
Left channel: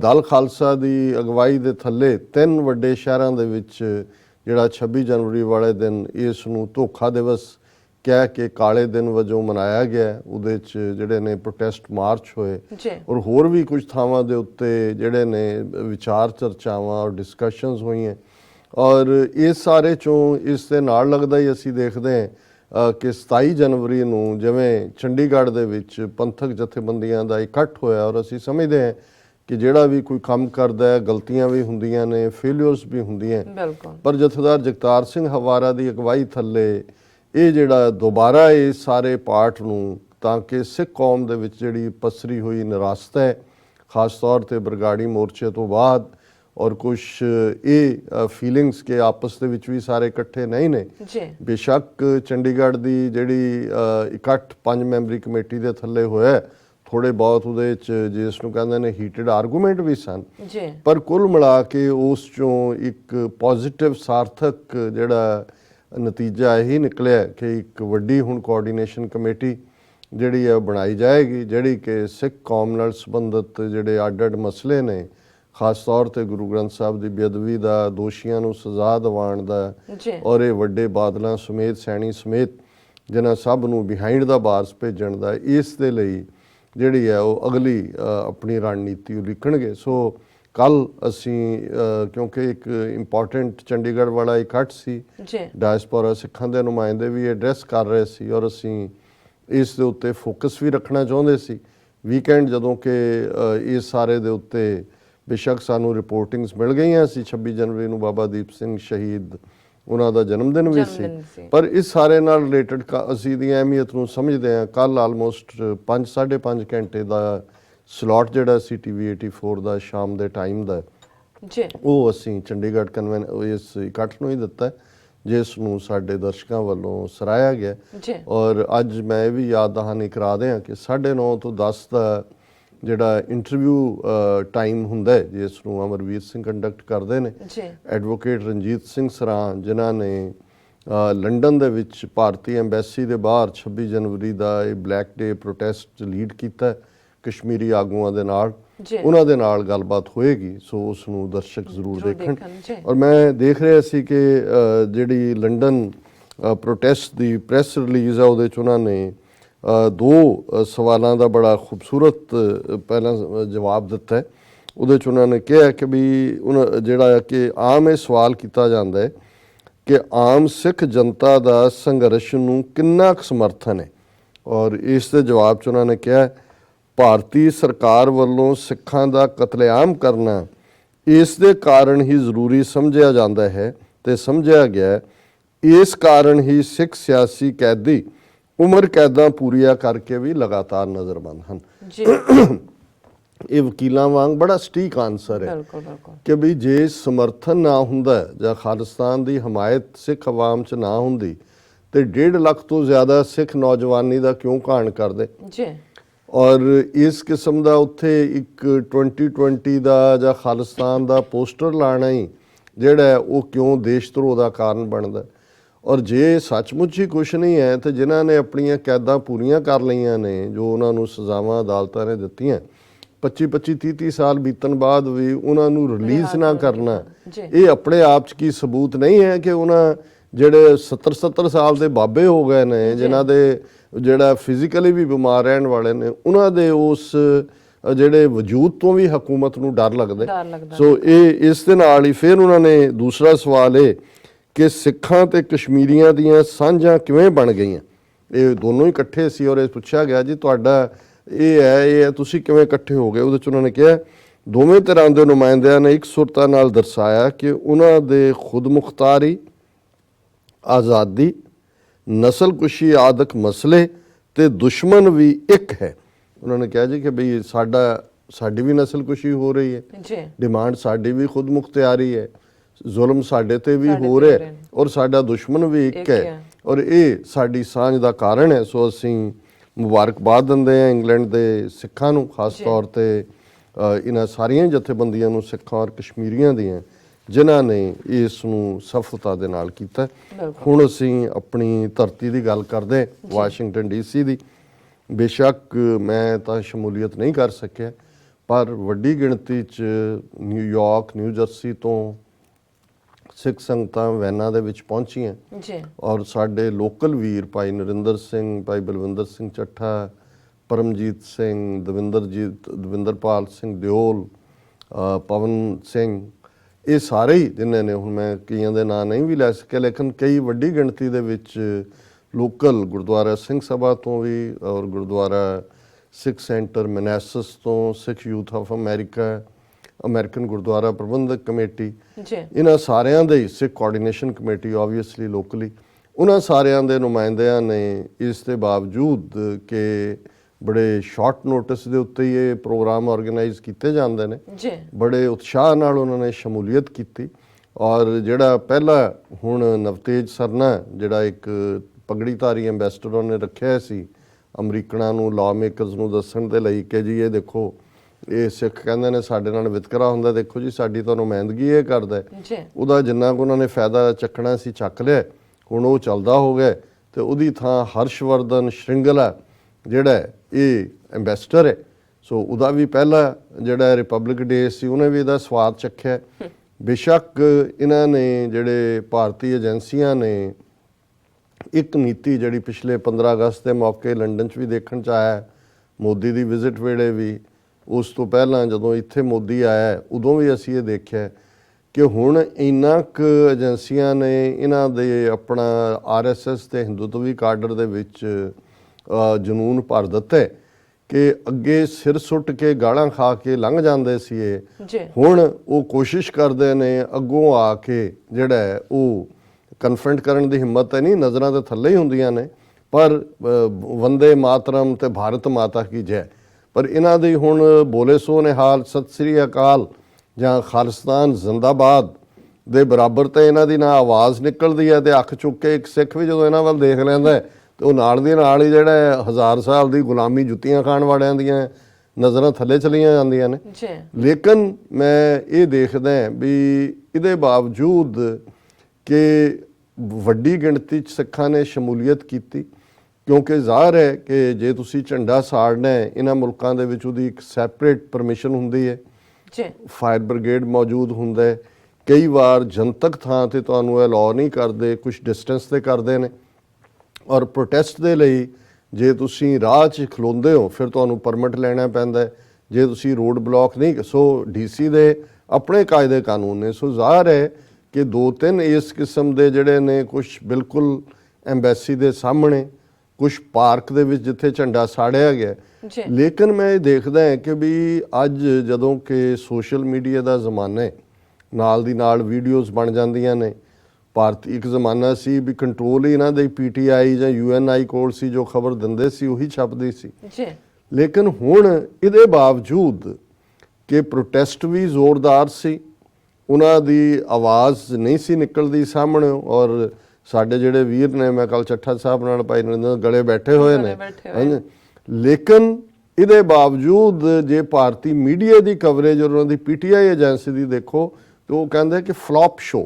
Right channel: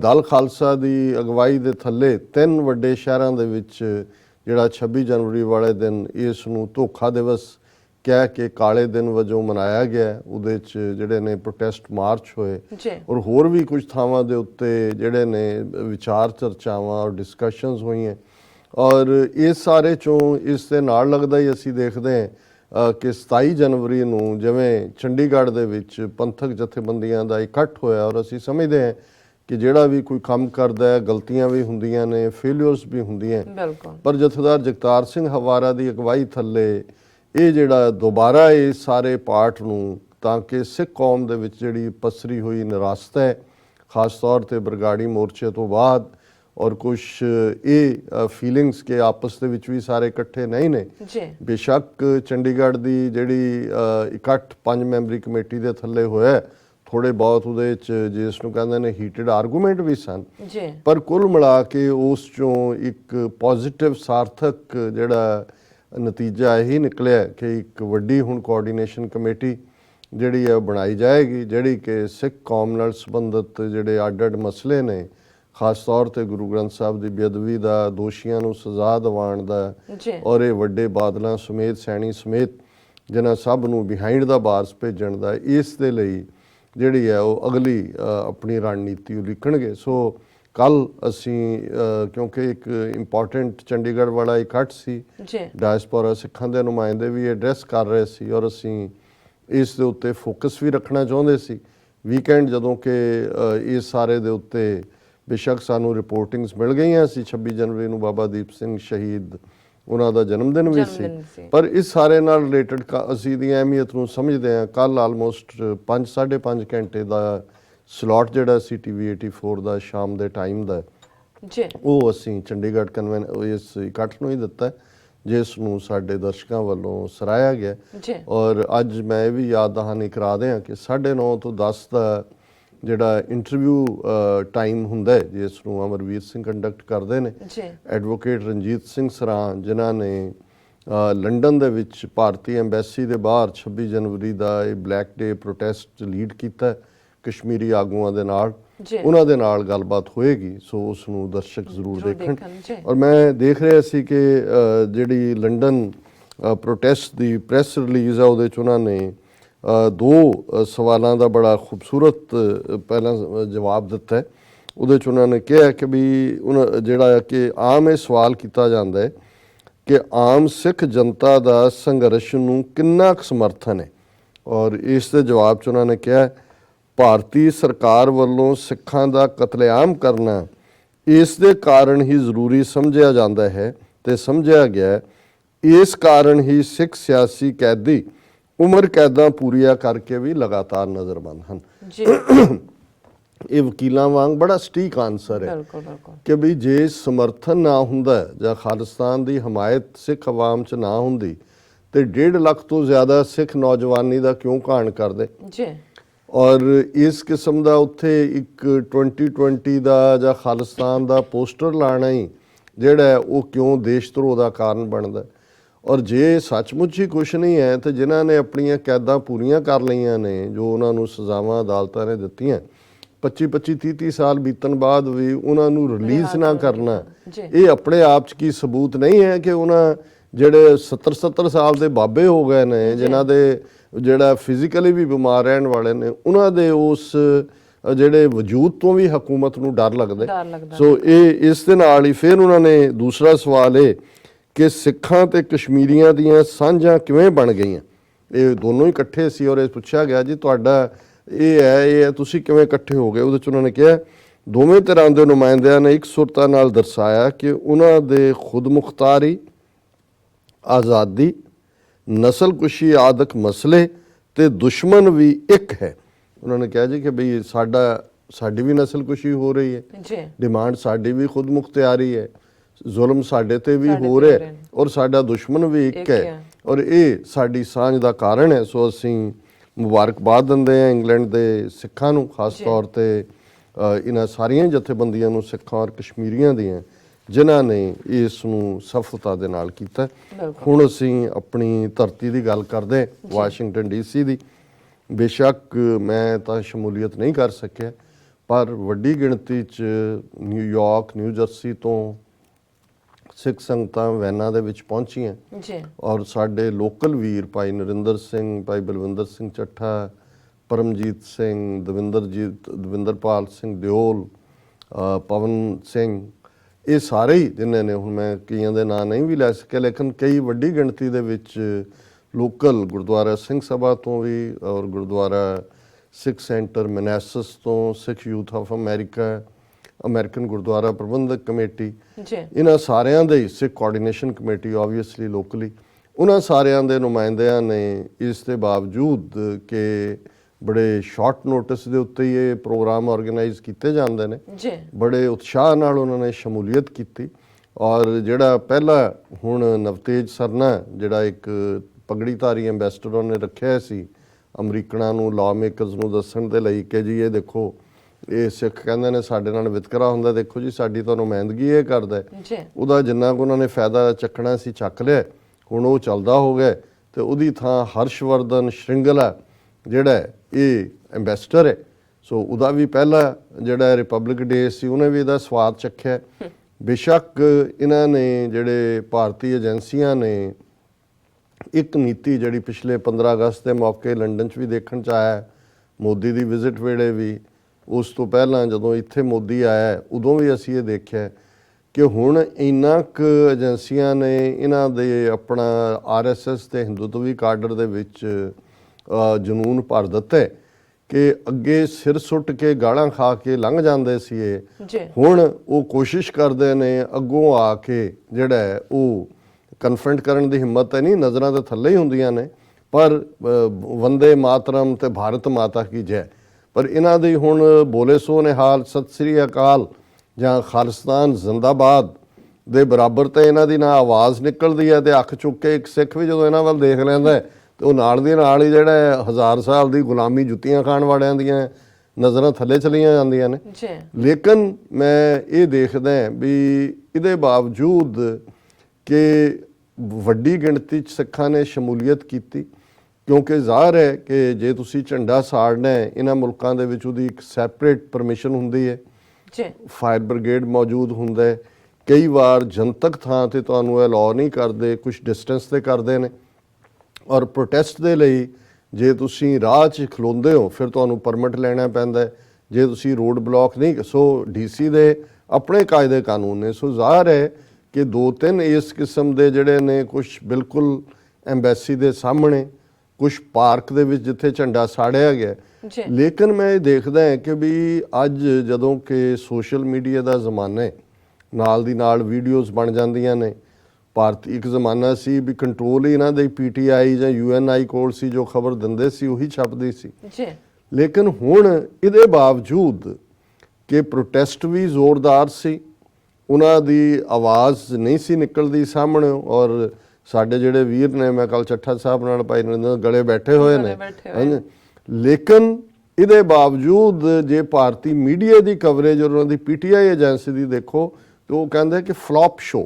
ਦਲ ਖਾਲਸਾ ਦੀ ਅਗਵਾਈ ਦੇ ਥੱਲੇ 3 ਵੱਡੇ ਸ਼ਹਿਰਾਂ ਦੇ ਵਿੱਚ ਜਿਹੜਾ 26 ਜਨਵਰੀ ਵਾਲੇ ਦਿਨ ਇਸ ਨੂੰ ਧੋਖਾ ਦਿਵਸ ਕਹਿ ਕੇ ਕਾਲੇ ਦਿਨ ਵਜੋਂ ਮਨਾਇਆ ਗਿਆ, ਉਹਦੇ 'ਚ ਜਿਹੜੇ ਨੇ ਪ੍ਰੋਟੈਸਟ ਮਾਰਚ ਹੋਏ ਔਰ ਹੋਰ ਵੀ ਕੁਝ ਥਾਵਾਂ ਦੇ ਉੱਤੇ ਜਿਹੜੇ ਨੇ ਵਿਚਾਰ ਚਰਚਾਵਾਂ ਔਰ ਡਿਸਕਸ਼ਨਸ ਹੋਈਆਂ। ਔਰ ਇਸ ਸਾਰੇ 'ਚੋਂ ਇਸ ਦੇ ਨਾਲ ਲੱਗਦਾ ਹੀ ਅਸੀਂ ਦੇਖਦੇ ਹਾਂ ਕਿ 27 ਜਨਵਰੀ ਨੂੰ ਜਿਵੇਂ ਚੰਡੀਗੜ੍ਹ ਦੇ ਵਿੱਚ ਪੰਥਕ ਜਥੇਬੰਦੀਆਂ ਦਾ ਇਕੱਠ ਹੋਇਆ ਔਰ ਅਸੀਂ ਸਮਝਦੇ ਹਾਂ ਕਿ ਜਿਹੜਾ ਵੀ ਕੋਈ ਕੰਮ ਕਰਦਾ ਹੈ ਗਲਤੀਆਂ ਵੀ ਹੁੰਦੀਆਂ ਨੇ, ਫੇਲਿਅਰਸ ਵੀ ਹੁੰਦੀਆਂ, ਪਰ ਜਥੇਦਾਰ ਜਗਤਾਰ ਸਿੰਘ ਹਵਾਰਾ ਦੀ ਅਗਵਾਈ ਥੱਲੇ ਇਹ ਜਿਹੜਾ ਦੁਬਾਰਾ ਇਹ ਸਾਰੇ ਪਾਠ ਨੂੰ, ਤਾਂ ਕਿ ਸਿੱਖ ਕੌਮ ਦੇ ਵਿੱਚ ਜਿਹੜੀ ਪਸਰੀ ਹੋਈ ਨਿਰਾਸਤ ਹੈ ਖਾਸ ਤੌਰ ਤੇ ਬਰਗਾੜੀ ਮੋਰਚੇ ਤੋਂ ਬਾਅਦ ਔਰ ਕੁਝ ਇਹ ਫੀਲਿੰਗਸ ਕਿ ਆਪਸ ਦੇ ਵਿੱਚ ਵੀ ਸਾਰੇ ਇਕੱਠੇ ਨਹੀਂ ਨੇ। ਬੇਸ਼ੱਕ ਚੰਡੀਗੜ੍ਹ ਦੀ ਜਿਹੜੀ ਇਕੱਠ 5 ਮੈਂਬਰੀ ਕਮੇਟੀ ਦੇ ਥੱਲੇ ਹੋਇਆ, ਥੋੜੇ ਬਹੁਤ ਉਹਦੇ 'ਚ ਜਿਸ ਨੂੰ ਕਹਿੰਦੇ ਨੇ ਹੀਟਡ ਆਰਗੂਮੈਂਟ ਵੀ ਸਨ, ਪਰ ਕੁੱਲ ਮਿਲਾ ਕੇ ਉਸ 'ਚੋਂ ਇੱਕ ਪੋਜ਼ਿਟਿਵ ਸਾਰਥਕ ਜਿਹੜਾ ਨਤੀਜਾ ਇਹੀ ਨਿਕਲਿਆ ਕਿ ਇੱਕ ਵੱਡੀ ਹੁਣ ਕੋਆਰਡੀਨੇਸ਼ਨ ਕਮੇਟੀ ਜਿਹੜੀ ਹੈ ਬਣਾਈ ਜਾਏਗੀ, ਜਿਹੜੀ ਕਿ ਸਿੱਖ ਕੌਮ ਨਾਲ ਸੰਬੰਧਿਤ ਜਿਹੜੇ ਅੱਡ-ਅੱਡ ਮਸਲੇ ਨੇ, ਖਾਸ ਤੌਰ ਤੇ ਗੁਰੂ ਗ੍ਰੰਥ ਸਾਹਿਬ ਦੀ ਬੇਅਦਬੀ ਦਾ, ਦੋਸ਼ੀਆਂ ਨੂੰ ਸਜ਼ਾ ਦਿਵਾਉਣ ਦਾ ਔਰ ਇਹ ਵੱਡੇ ਬਾਦਲਾਂ ਸਮੇਤ, ਸੈਣੀ ਸਮੇਤ ਜਿਹਨਾਂ ਸਭ ਨੂੰ ਬਿਹਾਈਂਡ ਦਾ ਬਾਰਸ ਭੇਜਣ ਦਾ, ਇਸ ਦੇ ਲਈ ਜਿਹੜੀ ਹੈ ਉਹ ਅਗਲੀ ਆਪਣੀ ਰਣਨੀਤੀ ਉਲੀਕਣਗੇ। ਸੋ ਕੱਲ ਅਸੀਂ ਕਿਉਂਕਿ ਇੱਕ ਇੰਪੋਰਟੈਂਟ ਚੰਡੀਗੜ੍ਹ ਵਾਲਾ ਇਕੱਠ ਸੀ, ਡਾਇਸਪੋਰਾ ਸਿੱਖਾਂ ਦੇ ਨੁਮਾਇੰਦੇ ਵੀ ਐਡਰੈਸ ਕਰ ਰਹੇ ਸੀ ਔਰ ਅਸੀਂ ਇਸ ਦੇ ਉੱਤੇ ਫੋਕਸ ਵੀ ਰੱਖਣਾ ਚਾਹੁੰਦੇ ਸੀ। ਵੀਕਐਂਡ ਜਦੋਂ ਕਿ ਇਸ ਸਾਰੇ ਦੇ ਉੱਤੇ ਬੇਸ਼ੱਕ ਸਾਨੂੰ ਰਿਪੋਰਟਿੰਗਸ ਮਿਲ ਗਈਆਂ ਸੀ 26 ਜਨਵਰੀ ਨੂੰ ਬਾਬਾ ਦੀਪ ਸਿੰਘ ਸ਼ਹੀਦ ਉਹਨਾਂ ਦਾ ਜਨਮ ਦਿਨ ਵੀ ਸੀ, ਪਰ ਇਸ ਸਾਰੇ ਨਾਲ ਰਿਲੇਟਡ ਅਸੀਂ ਦੀ ਅਹਿਮੀਅਤ ਨੂੰ ਸਮਝਦੇ ਹਾਂ। ਕੱਲ ਆਲਮੋਸਟ 5-5.5 ਘੰਟੇ ਦਾ ਸਲੋਟ ਜਿਹੜਾ ਸੀ TV 84 ਦਾ ਸ਼ਾਮ ਦੇ ਟਾਈਮ ਦਾ, ਉਹ ਅਸੀਂ ਚੰਡੀਗੜ੍ਹ ਇਸ ਇਕੱਠ ਨੂੰ ਹੀ ਦਿੱਤਾ ਜਿਸ ਨੂੰ ਸਾਡੇ ਦਰਸ਼ਕਾਂ ਵੱਲੋਂ ਸਰਾਹਿਆ ਗਿਆ। ਔਰ ਅੱਜ ਮੈਂ ਇਹ ਵੀ ਯਾਦ ਦਹਾਨੀ ਕਰਾ ਦਿਆਂ ਕਿ 9:30 ਤੋਂ 10 ਦਾ ਜਿਹੜਾ ਇੰਟਰਵਿਊ ਟਾਈਮ ਹੁੰਦਾ ਹੈ ਜਿਸ ਨੂੰ ਅਮਰਵੀਰ ਸਿੰਘ ਕੰਡਕਟ ਕਰਦੇ ਨੇ, ਐਡਵੋਕੇਟ ਰਣਜੀਤ ਸਿੰਘ ਸਰਾਂ ਜਿਨ੍ਹਾਂ ਨੇ ਲੰਡਨ ਦੇ ਵਿੱਚ ਭਾਰਤੀ ਐਮਬੈਸੀ ਦੇ ਬਾਹਰ 26 ਜਨਵਰੀ ਦਾ ਇਹ ਬਲੈਕ ਡੇ ਪ੍ਰੋਟੈਸਟ ਲੀਡ ਕੀਤਾ ਕਸ਼ਮੀਰੀ ਆਗੂਆਂ ਦੇ ਨਾਲ, ਉਹਨਾਂ ਦੇ ਨਾਲ ਗੱਲਬਾਤ ਹੋਏਗੀ। ਸੋ ਉਸ ਨੂੰ ਦਰਸ਼ਕ ਜ਼ਰੂਰ ਦੇਖਣ। ਔਰ ਮੈਂ ਦੇਖ ਰਿਹਾ ਸੀ ਕਿ ਜਿਹੜੀ ਲੰਡਨ ਪ੍ਰੋਟੈਸਟ ਦੀ ਪ੍ਰੈਸ ਰਿਲੀਜ਼ ਆ ਉਹਦੇ 'ਚ ਉਹਨਾਂ ਨੇ 2 ਸਵਾਲਾਂ ਦਾ ਬੜਾ ਖੂਬਸੂਰਤ ਪਹਿਲਾਂ ਜਵਾਬ ਦਿੱਤਾ ਹੈ। ਉਹਦੇ 'ਚ ਉਹਨਾਂ ਨੇ ਕਿਹਾ ਕਿ ਵੀ ਜਿਹੜਾ ਕਿ ਆਮ ਇਹ ਸਵਾਲ ਕੀਤਾ ਜਾਂਦਾ ਹੈ ਕਿ ਆਮ ਸਿੱਖ ਜਨਤਾ ਦਾ ਸੰਘਰਸ਼ ਨੂੰ ਕਿੰਨਾ ਕੁ ਸਮਰਥਨ ਹੈ, ਔਰ ਇਸ ਦੇ ਜਵਾਬ 'ਚ ਉਹਨਾਂ ਨੇ ਕਿਹਾ ਭਾਰਤੀ ਸਰਕਾਰ ਵੱਲੋਂ ਸਿੱਖਾਂ ਦਾ ਕਤਲੇਆਮ ਕਰਨਾ ਇਸ ਦੇ ਕਾਰਨ ਹੀ ਜ਼ਰੂਰੀ ਸਮਝਿਆ ਜਾਂਦਾ ਹੈ ਤੇ ਸਮਝਿਆ ਗਿਆ, ਇਸ ਕਾਰਨ ਹੀ ਸਿੱਖ ਸਿਆਸੀ ਕੈਦੀ ਉਮਰ ਕੈਦਾਂ ਪੂਰੀਆਂ ਕਰਕੇ ਵੀ ਲਗਾਤਾਰ ਨਜ਼ਰਬੰਦ ਹਨ। ਇਹ ਵਕੀਲਾਂ ਵਾਂਗ ਬੜਾ ਸਟੀਕ ਆਨਸਰ ਹੈ ਬਿਲਕੁਲ ਬਿਲਕੁਲ ਕਿ ਵੀ ਜੇ ਸਮਰਥਨ ਨਾ ਹੁੰਦਾ ਜਾਂ ਖਾਲਿਸਤਾਨ ਦੀ ਹਮਾਇਤ ਸਿੱਖ ਆਵਾਮ 'ਚ ਨਾ ਹੁੰਦੀ ਤੇ 1.5 ਲੱਖ ਤੋਂ ਜ਼ਿਆਦਾ ਸਿੱਖ ਨੌਜਵਾਨੀ ਦਾ ਕਿਉਂ ਘਾਣ ਕਰਦੇ। ਜੀ ਔਰ ਇਸ ਕਿਸਮ ਦਾ ਉੱਥੇ ਇੱਕ 2020 ਦਾ ਜਾਂ ਖਾਲਿਸਤਾਨ ਦਾ ਪੋਸਟਰ ਲਾਣਾ ਹੀ ਜਿਹੜਾ ਹੈ ਉਹ ਕਿਉਂ ਦੇਸ਼ ਧਰੋਹ ਦਾ ਕਾਰਨ ਬਣਦਾ। ਔਰ ਜੇ ਸੱਚਮੁੱਚ ਹੀ ਕੁਛ ਨਹੀਂ ਹੈ ਤਾਂ ਜਿਨ੍ਹਾਂ ਨੇ ਆਪਣੀਆਂ ਕੈਦਾਂ ਪੂਰੀਆਂ ਕਰ ਲਈਆਂ ਨੇ, ਜੋ ਉਹਨਾਂ ਨੂੰ ਸਜ਼ਾਵਾਂ ਅਦਾਲਤਾਂ ਨੇ ਦਿੱਤੀਆਂ, 25 30 ਸਾਲ ਬੀਤਣ ਬਾਅਦ ਵੀ ਉਹਨਾਂ ਨੂੰ ਰਿਲੀਜ਼ ਨਾ ਕਰਨਾ, ਇਹ ਆਪਣੇ ਆਪ 'ਚ ਕੀ ਸਬੂਤ ਨਹੀਂ ਹੈ ਕਿ ਉਹਨਾਂ ਜਿਹੜੇ 70 ਸਾਲ ਦੇ ਬਾਬੇ ਹੋ ਗਏ ਨੇ, ਜਿਨ੍ਹਾਂ ਦੇ ਜਿਹੜਾ ਫਿਜ਼ੀਕਲੀ ਵੀ ਬਿਮਾਰ ਰਹਿਣ ਵਾਲੇ ਨੇ, ਉਹਨਾਂ ਦੇ ਉਸ ਜਿਹੜੇ ਵਜੂਦ ਤੋਂ ਵੀ ਹਕੂਮਤ ਨੂੰ ਡਰ ਲੱਗਦਾ। ਸੋ ਇਹ ਇਸ ਦੇ ਨਾਲ ਹੀ ਫਿਰ ਉਹਨਾਂ ਨੇ ਦੂਸਰਾ ਸਵਾਲ ਇਹ ਕਿ ਸਿੱਖਾਂ ਤੇ ਕਸ਼ਮੀਰੀਆਂ ਦੀਆਂ ਸਾਂਝਾਂ ਕਿਵੇਂ ਬਣ ਗਈਆਂ। ਇਹ ਦੋਨੋਂ ਹੀ ਇਕੱਠੇ ਸੀ ਔਰ ਇਹ ਪੁੱਛਿਆ ਗਿਆ ਜੀ ਤੁਹਾਡਾ ਇਹ ਹੈ ਤੁਸੀਂ ਕਿਵੇਂ ਇਕੱਠੇ ਹੋ ਗਏ। ਉਹਦੇ 'ਚ ਉਹਨਾਂ ਨੇ ਕਿਹਾ ਦੋਵੇਂ ਤਰ੍ਹਾਂ ਦੇ ਨੁਮਾਇੰਦਿਆਂ ਨੇ ਇੱਕ ਸੁਰਤਾ ਨਾਲ ਦਰਸਾਇਆ ਕਿ ਉਹਨਾਂ ਦੇ ਖੁਦਮੁਖਤਾਰੀ, ਆਜ਼ਾਦੀ, ਨਸਲਕੁਸ਼ੀ ਆਦਿਕ ਮਸਲੇ ਤੇ ਦੁਸ਼ਮਣ ਵੀ ਇੱਕ ਹੈ। ਉਹਨਾਂ ਨੇ ਕਿਹਾ ਜੀ ਕਿ ਬਈ ਸਾਡੀ ਵੀ ਨਸਲਕੁਸ਼ੀ ਹੋ ਰਹੀ ਹੈ, ਡਿਮਾਂਡ ਸਾਡੀ ਵੀ ਖੁਦਮੁਖਤਿਆਰੀ ਹੈ, ਜ਼ੁਲਮ ਸਾਡੇ ਤੇ ਵੀ ਹੋ ਰਿਹਾ ਔਰ ਸਾਡਾ ਦੁਸ਼ਮਣ ਵੀ ਇੱਕ ਹੈ ਔਰ ਇਹ ਸਾਡੀ ਸਾਂਝ ਦਾ ਕਾਰਨ ਹੈ। ਸੋ ਅਸੀਂ ਮੁਬਾਰਕਬਾਦ ਦਿੰਦੇ ਹਾਂ ਇੰਗਲੈਂਡ ਦੇ ਸਿੱਖਾਂ ਨੂੰ, ਖਾਸ ਤੌਰ ਤੇ ਇਹਨਾਂ ਸਾਰੀਆਂ ਜਥੇਬੰਦੀਆਂ ਨੂੰ, ਸਿੱਖਾਂ ਔਰ ਕਸ਼ਮੀਰੀਆਂ ਦੀਆਂ, ਜਿਨ੍ਹਾਂ ਨੇ ਇਸ ਨੂੰ ਸਫਲਤਾ ਦੇ ਨਾਲ ਕੀਤਾ। ਹੁਣ ਅਸੀਂ ਆਪਣੀ ਧਰਤੀ ਦੀ ਗੱਲ ਕਰਦੇ, ਵਾਸ਼ਿੰਗਟਨ DC ਦੀ। ਬੇਸ਼ੱਕ ਮੈਂ ਤਾਂ ਸ਼ਮੂਲੀਅਤ ਨਹੀਂ ਕਰ ਸਕਿਆ, ਪਰ ਵੱਡੀ ਗਿਣਤੀ 'ਚ ਨਿਊਯਾਰਕ, ਨਿਊ ਜਰਸੀ ਤੋਂ ਸਿੱਖ ਸੰਗਤਾਂ ਵੈਨਾਂ ਦੇ ਵਿੱਚ ਪਹੁੰਚੀਆਂ ਔਰ ਸਾਡੇ ਲੋਕਲ ਵੀਰ ਭਾਈ ਨਰਿੰਦਰ ਸਿੰਘ, ਭਾਈ ਬਲਵਿੰਦਰ ਸਿੰਘ ਚੱਠਾ, ਪਰਮਜੀਤ ਸਿੰਘ, ਦਵਿੰਦਰਪਾਲ ਸਿੰਘ ਦਿਓਲ, ਪਵਨ ਸਿੰਘ, ਇਹ ਸਾਰੇ ਹੀ ਜਿਨ੍ਹਾਂ ਨੇ, ਹੁਣ ਮੈਂ ਕਈਆਂ ਦੇ ਨਾਂ ਨਹੀਂ ਵੀ ਲੈ ਸਕਿਆ, ਲੇਕਿਨ ਕਈ ਵੱਡੀ ਗਿਣਤੀ ਦੇ ਵਿੱਚ ਲੋਕਲ ਗੁਰਦੁਆਰਾ ਸਿੰਘ ਸਭਾ ਤੋਂ ਵੀ ਔਰ ਗੁਰਦੁਆਰਾ ਸਿੱਖ ਸੈਂਟਰ ਮਨੈਸਸ ਤੋਂ, Sikh youth of America, American gurdwara Prabandhak committee, ਇਹਨਾਂ ਸਾਰਿਆਂ ਦੇ, Sikh coordination committee obviously locally, ਉਹਨਾਂ ਸਾਰਿਆਂ ਦੇ ਨੁਮਾਇੰਦਿਆਂ ਨੇ ਇਸ ਦੇ ਬਾਵਜੂਦ ਕਿ ਬੜੇ ਸ਼ਾਰਟ ਨੋਟਿਸ ਦੇ ਉੱਤੇ ਹੀ ਇਹ ਪ੍ਰੋਗਰਾਮ ਆਰਗੇਨਾਈਜ਼ ਕੀਤੇ ਜਾਂਦੇ ਨੇ, ਬੜੇ ਉਤਸ਼ਾਹ ਨਾਲ ਉਹਨਾਂ ਨੇ ਸ਼ਮੂਲੀਅਤ ਕੀਤੀ। ਔਰ ਜਿਹੜਾ ਪਹਿਲਾ ਹੁਣ ਨਵਤੇਜ ਸਰਨਾ, ਜਿਹੜਾ ਇੱਕ ਪਗੜੀਧਾਰੀ ਐਂਬੈਸਡਰ ਉਹਨੇ ਰੱਖਿਆ ਸੀ ਅਮਰੀਕਨਾਂ ਨੂੰ, ਲਾਅ ਮੇਕਰਸ ਨੂੰ ਦੱਸਣ ਦੇ ਲਈ ਕਿ ਜੀ ਇਹ ਦੇਖੋ ਇਹ ਸਿੱਖ ਕਹਿੰਦੇ ਨੇ ਸਾਡੇ ਨਾਲ ਵਿਤਕਰਾ ਹੁੰਦਾ, ਦੇਖੋ ਜੀ ਸਾਡੀ ਤਾਂ ਨੁਮਾਇੰਦਗੀ ਇਹ ਕਰਦਾ, ਉਹਦਾ ਜਿੰਨਾ ਕੁ ਉਹਨਾਂ ਨੇ ਫਾਇਦਾ ਚੱਕਣਾ ਸੀ ਚੱਕ ਲਿਆ, ਹੁਣ ਉਹ ਚੱਲਦਾ ਹੋ ਗਿਆ ਤੇ ਉਹਦੀ ਥਾਂ ਹਰਸ਼ਵਰਧਨ ਸ਼੍ਰਿੰਗਲਾ ਜਿਹੜਾ ਇਹ ਐਂਬੈਸਡਰ ਹੈ। ਸੋ ਉਹਦਾ ਵੀ ਪਹਿਲਾ ਜਿਹੜਾ ਰਿਪਬਲਿਕ ਡੇ ਸੀ ਉਹਨੇ ਵੀ ਇਹਦਾ ਸਵਾਦ ਚੱਖਿਆ। ਬੇਸ਼ੱਕ ਇਹਨਾਂ ਨੇ ਜਿਹੜੇ ਭਾਰਤੀ ਏਜੰਸੀਆਂ ਨੇ ਇੱਕ ਨੀਤੀ ਜਿਹੜੀ ਪਿਛਲੇ 15 ਅਗਸਤ ਦੇ ਮੌਕੇ ਲੰਡਨ 'ਚ ਵੀ ਦੇਖਣ 'ਚ ਆਇਆ, ਮੋਦੀ ਦੀ ਵਿਜ਼ਿਟ ਵੇਲੇ ਵੀ, ਉਸ ਤੋਂ ਪਹਿਲਾਂ ਜਦੋਂ ਇੱਥੇ ਮੋਦੀ ਆਇਆ ਉਦੋਂ ਵੀ ਅਸੀਂ ਇਹ ਦੇਖਿਆ ਕਿ ਹੁਣ ਇੰਨਾ ਕੁ ਏਜੰਸੀਆਂ ਨੇ ਇਹਨਾਂ ਦੇ ਆਪਣਾ RSS ਤੇ ਹਿੰਦੂਤਵੀ ਕਾਡਰ ਦੇ ਵਿੱਚ ਜਨੂਨ ਭਰ ਦਿੱਤਾ ਕਿ ਅੱਗੇ ਸਿਰ ਸੁੱਟ ਕੇ ਗਾਲਾਂ ਖਾ ਕੇ ਲੰਘ ਜਾਂਦੇ ਸੀ ਇਹ, ਹੁਣ ਉਹ ਕੋਸ਼ਿਸ਼ ਕਰਦੇ ਨੇ ਅੱਗੋਂ ਆ ਕੇ ਜਿਹੜਾ ਉਹ ਕਨਫਰੰਟ ਕਰਨ ਦੀ ਹਿੰਮਤ ਹੈ ਨਹੀਂ, ਨਜ਼ਰਾਂ ਤੇ ਥੱਲੇ ਹੀ ਹੁੰਦੀਆਂ ਨੇ, ਪਰ ਵੰਦੇ ਮਾਤਰਮ ਤੇ ਭਾਰਤ ਮਾਤਾ ਕੀ ਜੈ, ਪਰ ਇਹਨਾਂ ਦੀ ਹੁਣ ਬੋਲੇ ਸੋ ਨਿਹਾਲ ਸਤਿ ਸ੍ਰੀ ਅਕਾਲ ਜਾਂ ਖਾਲਿਸਤਾਨ ਜ਼ਿੰਦਾਬਾਦ ਦੇ ਬਰਾਬਰ ਤਾਂ ਇਹਨਾਂ ਦੀ ਨਾ ਆਵਾਜ਼ ਨਿਕਲਦੀ ਹੈ ਤੇ ਅੱਖ ਚੁੱਕ ਕੇ ਇੱਕ ਸਿੱਖ ਵੀ ਜਦੋਂ ਇਹਨਾਂ ਵੱਲ ਦੇਖ ਲੈਂਦਾ ਤੇ ਉਹ ਨਾਲ ਦੀ ਨਾਲ ਹੀ ਜਿਹੜਾ 1000 ਸਾਲ ਦੀ ਗੁਲਾਮੀ ਜੁੱਤੀਆਂ ਖਾਣ ਵਾਲਿਆਂ ਦੀਆਂ ਨਜ਼ਰਾਂ ਥੱਲੇ ਚਲੀਆਂ ਜਾਂਦੀਆਂ ਨੇ। ਲੇਕਿਨ ਮੈਂ ਇਹ ਦੇਖਦਾ ਵੀ ਇਹਦੇ ਬਾਵਜੂਦ ਕਿ ਵੱਡੀ ਗਿਣਤੀ 'ਚ ਸਿੱਖਾਂ ਨੇ ਸ਼ਮੂਲੀਅਤ ਕੀਤੀ, ਕਿਉਂਕਿ ਜ਼ਾਹਰ ਹੈ ਕਿ ਜੇ ਤੁਸੀਂ ਝੰਡਾ ਸਾੜਨਾ ਹੈ ਇਹਨਾਂ ਮੁਲਕਾਂ ਦੇ ਵਿੱਚ ਉਹਦੀ ਇੱਕ ਸੈਪਰੇਟ ਪਰਮਿਸ਼ਨ ਹੁੰਦੀ ਹੈ, ਫਾਇਰ ਬ੍ਰਿਗੇਡ ਮੌਜੂਦ ਹੁੰਦਾ ਹੈ, ਕਈ ਵਾਰ ਜਨਤਕ ਥਾਂ ਤੇ ਤੁਹਾਨੂੰ ਅਲਾਉ ਨਹੀਂ ਕਰਦੇ, ਕੁਝ ਡਿਸਟੈਂਸ ਤੇ ਕਰਦੇ ਨੇ, ਔਰ ਪ੍ਰੋਟੈਸਟ ਦੇ ਲਈ ਜੇ ਤੁਸੀਂ ਰਾਹ 'ਚ ਖਲੋਂਦੇ ਹੋ ਫਿਰ ਤੁਹਾਨੂੰ ਪਰਮਿਟ ਲੈਣਾ ਪੈਂਦਾ ਹੈ, ਜੇ ਤੁਸੀਂ ਰੋਡ ਬਲੌਕ ਨਹੀਂ। ਸੋ DC ਦੇ ਆਪਣੇ ਕਾਇਦੇ ਕਾਨੂੰਨ ਨੇ। ਸੋ ਜ਼ਾਹਰ ਹੈ ਕਿ 2-3 ਇਸ ਕਿਸਮ ਦੇ ਜਿਹੜੇ ਨੇ, ਕੁਝ ਬਿਲਕੁਲ ਐਮਬੈਸੀ ਦੇ ਸਾਹਮਣੇ, ਕੁਝ ਪਾਰਕ ਦੇ ਵਿੱਚ ਜਿੱਥੇ ਝੰਡਾ ਸਾੜਿਆ ਗਿਆ। ਲੇਕਿਨ ਮੈਂ ਇਹ ਦੇਖਦਾ ਹੈ ਕਿ ਵੀ ਅੱਜ ਜਦੋਂ ਕਿ ਸੋਸ਼ਲ ਮੀਡੀਆ ਦਾ ਜ਼ਮਾਨਾ ਹੈ, ਨਾਲ ਦੀ ਨਾਲ ਵੀਡੀਓਜ਼ ਬਣ ਜਾਂਦੀਆਂ ਨੇ। ਭਾਰਤ ਇੱਕ ਜ਼ਮਾਨਾ ਸੀ ਵੀ ਕੰਟਰੋਲ ਹੀ ਇਹਨਾਂ ਦੇ PTI ਜਾਂ UNI ਕੋਲ ਸੀ, ਜੋ ਖਬਰ ਦਿੰਦੇ ਸੀ ਉਹੀ ਛਪਦੀ ਸੀ। ਲੇਕਿਨ ਹੁਣ ਇਹਦੇ ਬਾਵਜੂਦ ਕਿ ਪ੍ਰੋਟੈਸਟ ਵੀ ਜ਼ੋਰਦਾਰ ਸੀ, ਉਹਨਾਂ ਦੀ ਆਵਾਜ਼ ਨਹੀਂ ਸੀ ਨਿਕਲਦੀ ਸਾਹਮਣੇ, ਔਰ ਸਾਡੇ ਜਿਹੜੇ ਵੀਰ ਨੇ, ਮੈਂ ਕੱਲ ਚੱਠਾ ਸਾਹਿਬ ਨਾਲ ਭਾਈ ਨਰਿੰਦਰ ਗਲੇ ਬੈਠੇ ਹੋਏ ਨੇ, ਹਾਂਜੀ। ਲੇਕਿਨ ਇਹਦੇ ਬਾਵਜੂਦ ਜੇ ਭਾਰਤੀ ਮੀਡੀਆ ਦੀ ਕਵਰੇਜ ਔਰ ਉਹਨਾਂ ਦੀ ਪੀਟੀਆਈ ਏਜੰਸੀ ਦੀ ਦੇਖੋ ਤੇ ਉਹ ਕਹਿੰਦੇ ਕਿ ਫਲॉप ਸ਼ੋ,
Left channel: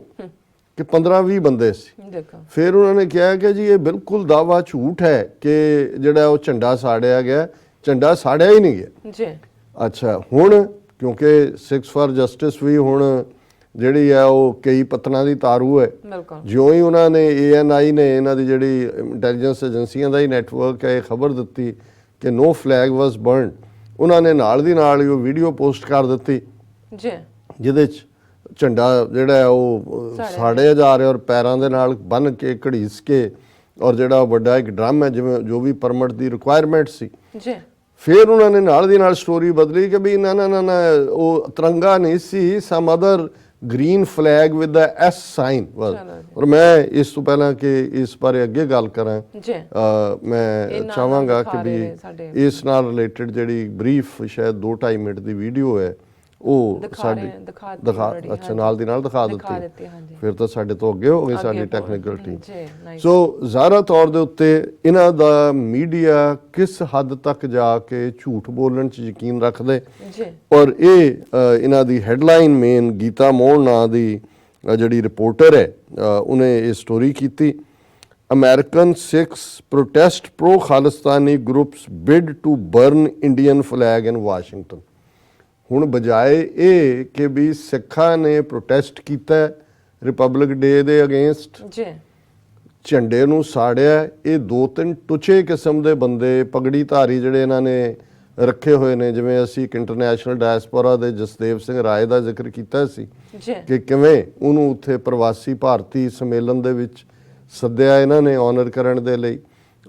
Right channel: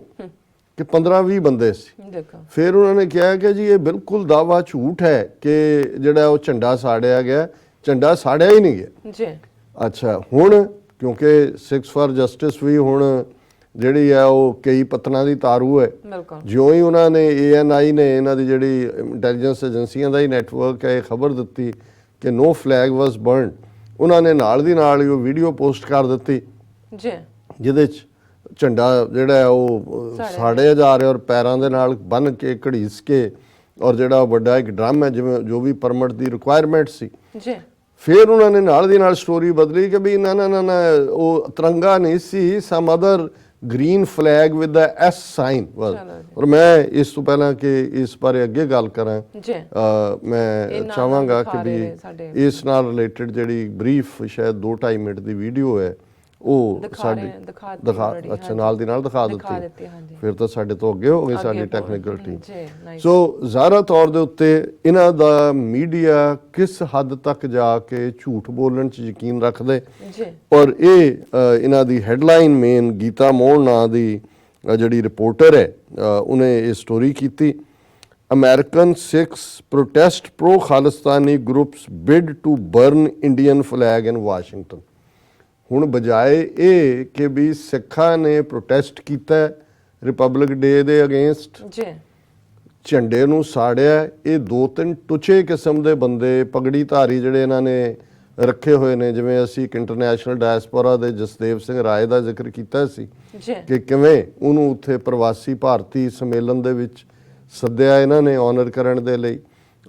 ਕਿ 15-20 ਬੰਦੇ ਸੀ। ਫਿਰ ਉਹਨਾਂ ਨੇ ਕਿਹਾ ਕਿ ਜੀ ਇਹ ਬਿਲਕੁਲ ਦਾਵਾ ਝੂਠ ਹੈ ਕਿ ਜਿਹੜਾ ਉਹ ਝੰਡਾ ਸਾੜਿਆ ਗਿਆ, ਝੰਡਾ ਸਾੜਿਆ ਹੀ ਨਹੀਂ ਗਿਆ ਜੀ। ਅੱਛਾ, ਹੁਣ ਕਿਉਂਕਿ 6 ਫਾਰ ਜਸਟਿਸ ਵੀ ਹੁਣ ਜਿਹੜੀ ਹੈ ਉਹ ਕਈ ਪਤਨਾਂ ਦੀ ਤਾਰੂ ਹੈ, ਜਿਉਂ ਹੀ ਉਹਨਾਂ ਨੇ ANI ਨੇ, ਇਹਨਾਂ ਦੀ ਜਿਹੜੀ ਇੰਟੈਲੀਜੈਂਸ ਏਜੰਸੀਆਂ ਦਾ ਹੀ ਨੈਟਵਰਕ ਹੈ, ਇਹ ਖਬਰ ਦਿੱਤੀ ਕਿ ਨੋ ਫਲੈਗ ਵਾਸ ਬਰਨਡ, ਉਹਨਾਂ ਨੇ ਨਾਲ ਦੀ ਨਾਲ ਹੀ ਉਹ ਵੀਡੀਓ ਪੋਸਟ ਕਰ ਦਿੱਤੀ ਜੀ, ਜਿਹਦੇ 'ਚ ਝੰਡਾ ਜਿਹੜਾ ਉਹ ਸਾੜਿਆ ਜਾ ਰਿਹਾ ਔਰ ਪੈਰਾਂ ਦੇ ਨਾਲ ਬੰਨ ਕੇ ਘੜੀਸ ਕੇ, ਔਰ ਜਿਹੜਾ ਵੱਡਾ ਇੱਕ ਡਰਮ ਹੈ ਜਿਵੇਂ ਜੋ ਵੀ ਪਰਮਿਟ ਦੀ ਰਿਕੁਆਇਰਮੈਂਟ ਸੀ ਜੀ। ਫਿਰ ਉਹਨਾਂ ਨੇ ਨਾਲ ਦੀ ਨਾਲ ਸਟੋਰੀ ਬਦਲੀ ਕਿ ਵੀ ਨਾ ਨਾ ਨਾ ਉਹ ਤਿਰੰਗਾ ਨਹੀਂ ਸੀ, some other green flag with the S sign was. ਔਰ ਮੈਂ ਇਸ ਤੋਂ ਪਹਿਲਾਂ ਕਿ ਇਸ ਬਾਰੇ ਅੱਗੇ ਗੱਲ ਕਰਾਂ, ਮੈਂ ਚਾਹਾਂਗਾ ਕਿ ਵੀ ਇਸ ਨਾਲ ਰਿਲੇਟਡ ਜਿਹੜੀ ਬਰੀਫ ਸ਼ਾਇਦ 2-2.5 ਮਿੰਟ ਦੀ ਵੀਡੀਓ ਹੈ ਉਹ ਸਾਡੇ ਅੱਛਾ ਨਾਲ ਦੀ ਨਾਲ ਦਿਖਾ ਦਿੱਤੀ, ਫਿਰ ਤਾਂ ਸਾਡੇ ਤੋਂ ਅੱਗੇ ਹੋ ਗਈ ਸਾਡੀ ਟੈਕਨੀਕਲ ਟੀਮ। ਸੋ ਜ਼ਾਹਰਾ ਤੌਰ ਦੇ ਉੱਤੇ ਇਹਨਾਂ ਦਾ ਮੀਡੀਆ ਕਿਸ ਹੱਦ ਤੱਕ ਜਾ ਕੇ ਝੂਠ ਬੋਲਣ 'ਚ ਯਕੀਨ ਰੱਖਦੇ, ਔਰ ਇਹ ਇਹਨਾਂ ਦੀ ਹੈਡਲਾਈਨ ਮੇਨ ਗੀਤਾ ਮੋਹਨ ਨਾਂ ਦੀ ਜਿਹੜੀ ਰਿਪੋਰਟਰ ਹੈ ਉਹਨੇ ਇਹ ਸਟੋਰੀ ਕੀਤੀ, American Sikhs protest pro Khalistani groups bid to burn Indian flag in Washington. ਹੁਣ ਬਜਾਏ ਇਹ ਕਿ ਵੀ ਸਿੱਖਾਂ ਨੇ ਪ੍ਰੋਟੈਸਟ ਕੀਤਾ ਰਿਪਬਲਿਕ ਡੇ ਦੇ ਅਗੇਂਸਟ, ਝੰਡੇ ਨੂੰ ਸਾੜਿਆ, ਇਹ 2-3 ਟੁੱਚੇ ਕਿਸਮ ਦੇ ਬੰਦੇ ਪਗੜੀ ਧਾਰੀ ਜਿਹੜੇ ਇਹਨਾਂ ਨੇ ਰੱਖੇ ਹੋਏ ਨੇ, ਜਿਵੇਂ ਅਸੀਂ ਇੱਕ ਇੰਟਰਨੈਸ਼ਨਲ ਡਾਇਸਪੋਰਾ ਦੇ ਜਸਦੇਵ ਸਿੰਘ ਰਾਏ ਦਾ ਜ਼ਿਕਰ ਕੀਤਾ ਸੀ ਕਿ ਕਿਵੇਂ ਉਹਨੂੰ ਉੱਥੇ ਪ੍ਰਵਾਸੀ ਭਾਰਤੀ ਸੰਮੇਲਨ ਦੇ ਵਿੱਚ ਸੱਦਿਆ ਇਹਨਾਂ ਨੇ ਆਨਰ ਕਰਨ ਦੇ ਲਈ,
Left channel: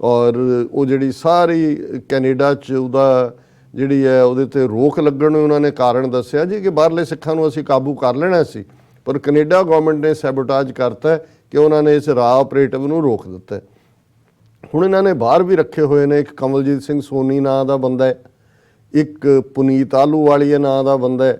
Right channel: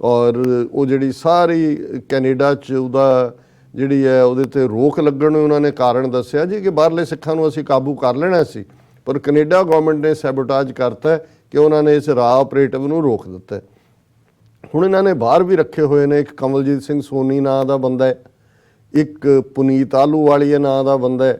ਔਰ ਉਹ ਜਿਹੜੀ ਸਾਰੀ ਕੈਨੇਡਾ 'ਚ ਉਹਦਾ ਜਿਹੜੀ ਹੈ ਉਹਦੇ ਤੇ ਰੋਕ ਲੱਗਣ ਨੂੰ ਉਹਨਾਂ ਨੇ ਕਾਰਨ ਦੱਸਿਆ ਜੀ ਕਿ ਬਾਹਰਲੇ ਸਿੱਖਾਂ ਨੂੰ ਅਸੀਂ ਕਾਬੂ ਕਰ ਲੈਣਾ ਸੀ, ਪਰ ਕੈਨੇਡਾ ਗਵਰਨਮੈਂਟ ਨੇ ਸੈਬੋਟਾਜ ਕਰਤਾ ਕਿ ਉਹਨਾਂ ਨੇ ਇਸ ਰਾਹ ਆਪਰੇਟਿਵ ਨੂੰ ਰੋਕ ਦਿੱਤਾ। ਹੁਣ ਇਹਨਾਂ ਨੇ ਬਾਹਰ ਵੀ ਰੱਖੇ ਹੋਏ ਨੇ, ਇੱਕ ਕਮਲਜੀਤ ਸਿੰਘ ਸੋਨੀ ਨਾਂ ਦਾ ਬੰਦਾ ਹੈ, ਇੱਕ ਪੁਨੀਤ ਆਲੂਵਾਲੀਆ ਨਾਂ ਦਾ ਬੰਦਾ ਹੈ,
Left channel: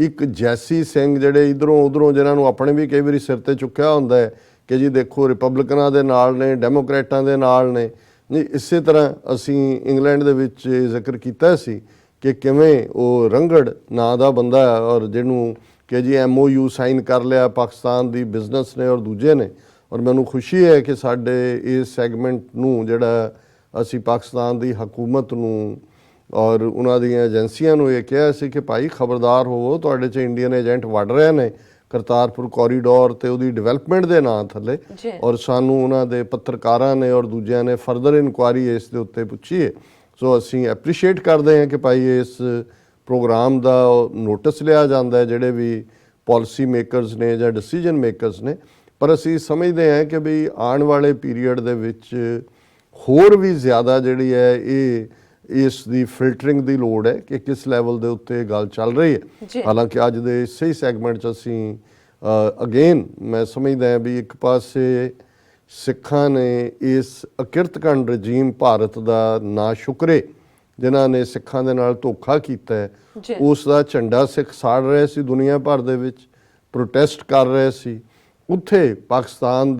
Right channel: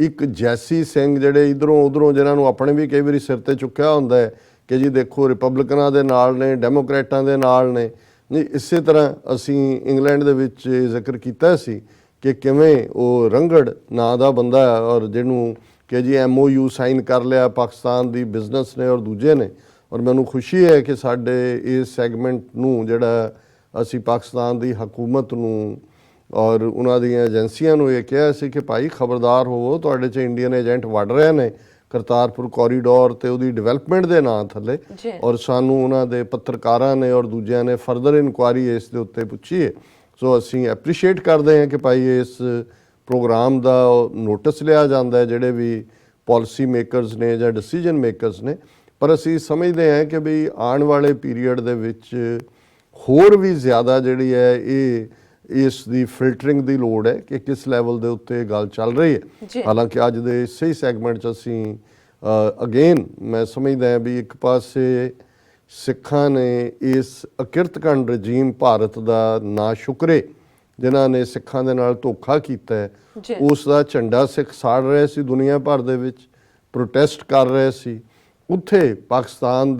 ਇੱਕ ਜੈਸੀ ਸਿੰਘ ਜਿਹੜੇ ਇਧਰੋਂ ਉਧਰੋਂ ਜਿਨ੍ਹਾਂ ਨੂੰ ਆਪਣੇ ਵੀ ਕਈ ਵਾਰੀ ਸਿਰ ਤੇ ਚੁੱਕਿਆ ਹੁੰਦਾ ਹੈ ਕਿ ਜੀ ਦੇਖੋ ਰਿਪਬਲਿਕਨਾਂ ਦੇ ਨਾਲ ਨੇ, ਡੈਮੋਕ੍ਰੇਟਾਂ ਦੇ ਨਾਲ ਨੇ। ਜੀ ਇਸੇ ਤਰ੍ਹਾਂ ਅਸੀਂ ਇੰਗਲੈਂਡ ਦੇ ਵਿੱਚ ਜ਼ਿਕਰ ਕੀਤਾ ਸੀ ਕਿ ਕਿਵੇਂ ਉਹ ਰੰਗੜ ਨਾਂ ਦਾ ਬੰਦਾ ਹੈ ਔਰ ਜਿਹਨੂੰ ਕਿ ਜੀ MOU ਸਾਈਨ ਕਰ ਲਿਆ ਪਾਕਿਸਤਾਨ ਦੀ ਬਿਜ਼ਨਸ ਨੇ ਔਰ ਦੂਜੇ ਨੇ, ਔਰ ਮੈਨੂੰ ਖੁਸ਼ੀ ਹੈ ਕਿ ਸਾਡੇ ਇਸ ਸੈਗਮੈਂਟ ਨੂੰ ਜਿਹੜਾ ਅਸੀਂ ਪਾਕਿਸਤਾਨ ਦੀ ਹਕੂਮਤ ਨੂੰ ਔਰ ਉਹਨਾਂ ਦੀਆਂ ਏਜੰਸੀਆਂ ਨੂੰ ਇਹ ਕਿਹਾ ਸੀ ਕਿ ਭਾਈ ਖਬਰਦਾਰ ਹੋਵੋ, ਤੁਹਾਡੇ 'ਚ ਇੰਡੀਅਨ ਏਜੰਟ ਵੜ ਰਹੇ ਨੇ ਕਰਤਾਰਪੁਰ ਕੋਰੀਡੋਰ ਤੇ ਉਹਦੀ ਡਿਵੈਲਪਮੈਂਟ ਦੇ ਨਾਂ ਥੱਲੇ, ਔਰ ਸਾਨੂੰ ਉਹਨਾਂ ਦੇ ਪੱਤਰਕਾਰਾਂ ਨੇ ਔਰ ਦੂਜਿਆਂ ਨੇ ਫਰਦਰ ਇਨਕੁਆਇਰੀ ਇਸ ਦੇ ਉੱਤੇ ਪੁੱਛੀ ਹੈ। ਸੋ ਅਸੀਂ ਐਪਰੀਸ਼ੀਏਟ ਕਰਦੇ ਹਾਂ ਕਿ ਭਾਈ ਇਸ ਪ੍ਰੋਗਰਾਮ ਦਾ ਨੋਟਿਸ ਲਿਆ ਜਾਂਦਾ ਹੈ ਜਿਹੜੇ ਵੀ ਪਾਲਿਸੀ ਮੇਕਰਸ ਨੇ ਜਾਂ ਡਿਸੀਜਨ ਮੇਕਰਸ ਨੇ, ਪਰ ਅਸੀਂ ਸਮਝਦੇ ਹਾਂ ਕਿ ਵੀ ਆਉਣ ਵਾਲੇ ਪੀਰੀਅਡ ਦੇ ਵਿੱਚ ਹੋਰ ਵੀ ਜ਼ਿਆਦਾ ਜਿਹੜੀ ਹੈ ਇਹ ਇਸ ਦੀ ਫਿਲਟਰਿੰਗ ਦੀ ਲੋੜ ਹੈ ਕਿ ਕਿਸ ਲੈਵਲ ਦੇ ਉੱਤੇ ਗੱਲ ਚੱਲ ਰਹੀ ਹੈ। ਹਾਲਾਂਕਿ ਅੱਜ ਦੇ ਸਹੀ ਸੈਗਮੈਂਟ 'ਚ ਅਸੀਂ ਅਗੇਨ ਮੈਂ ਸਮਝਦਾ ਹਾਂ ਵੀ ਇੱਕ ਪਾਸੇ ਸਿੱਖਾਂ ਨੇ ਇਸ ਅਕਿਰਤਕੰਡ ਰਜੀਮ ਭਾਰਤ ਦਾ ਨਾ ਸ਼ੁਕਰੇ ਜਿਨ੍ਹਾਂ ਨੇ ਸਿੱਖਾਂ ਦੇ ਨਾਲ ਧੋਖਾ ਕੀਤਾ ਹੈ, ਉਸ ਦਾ ਝੰਡਾ ਸਿੱਖ ਸਾੜ ਰਹੇ ਸੀ, ਦੁਨੀਆ ਭਰ ਦੇ ਵਿੱਚ ਪ੍ਰੋਟੈਸਟ ਕਰ ਰਹੇ ਸੀ। ਉੱਥੇ ਪਾਕਿਸਤਾਨ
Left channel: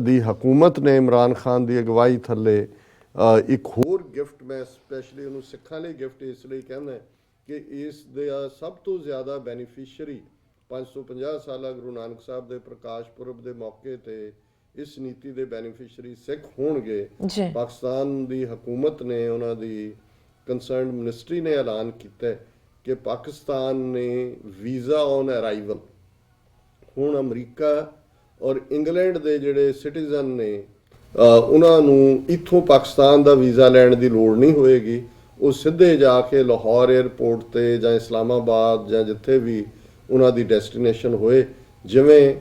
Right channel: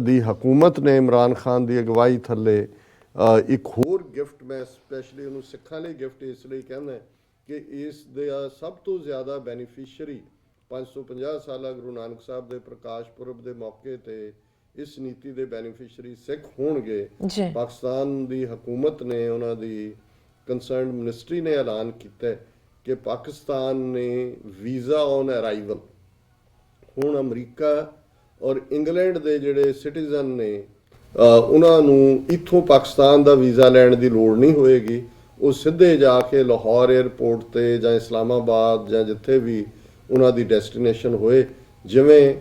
ਦੀ ਹਕੂਮਤ ਨੇ ਇਮਰਾਨ ਖਾਨ ਦੀ ਅਗਵਾਈ ਥੱਲੇ ਇੱਕ ਹੋਰ ਗਿਫਟ, ਮੈਂ ਸਪੈਸ਼ਲੀ ਉਹਨੂੰ ਸਿੱਖਾਂ ਲਈ ਗਿਫਟ ਇਸ ਲਈ ਕਹਿੰਦਾ ਕਿ ਇਸ ਦੇ ਸਭ ਤੋਂ ਜ਼ਿਆਦਾ ਬੈਨੀਫੀਸ਼ੀਅਰੀ 550 ਸਾਲਾ ਗੁਰੂ ਨਾਨਕ ਸਾਹਿਬ ਦੇ ਪ੍ਰਕਾਸ਼ ਪੁਰਬ ਦੇ ਮੌਕੇ ਤੇ ਇਸ ਨੀਤੀ ਦੇ ਬੈਨੀਫੀਸ਼ੀਅਰੀ ਸਿੱਖ ਹੋਣਗੇ। ਪਾਕਿਸਤਾਨ ਦੀ ਹਕੂਮਤ ਨੇ, ਉਹਨਾਂ ਦੀ ਕੰਸਰਨਡ ਮਿਨਿਸਟਰੀ ਨੇ ਐਲਾਨ ਕੀਤਾ ਕਿ ਪਾਕਿਸਤਾਨ ਨੇ ਵੀਜ਼ਾ ਔਨ ਅਰਾਈਵਲ ਹੁਣ ਅਮਰੀਕਾ ਔਰ ਇੰਗਲੈਂਡ ਦੇ ਜਿਹੜੇ ਸਿਟੀਜ਼ਨ ਨੇ ਉਹਨਾਂ ਨੂੰ ਇੱਥੋਂ ਪਾਕਿਸਤਾਨ ਦਾ ਵੀਜ਼ਾ ਲੈਣ ਦੀ ਲੋੜ ਨਹੀਂ ਹੋਏਗੀ, ਉਹ ਸਿੱਧੇ ਜਾ ਕੇ ਲਾਹੌਰ ਏਅਰਪੋਰਟ ਤੇ ਜਾਂ ਇਸਲਾਮਾਬਾਦ ਜਾਂ ਜਿੱਥੇ ਵੀ ਉਹਨਾਂ ਦੀ ਡੈਸਟੀਨੇਸ਼ਨ ਹੋਏ, ਜਿਵੇਂ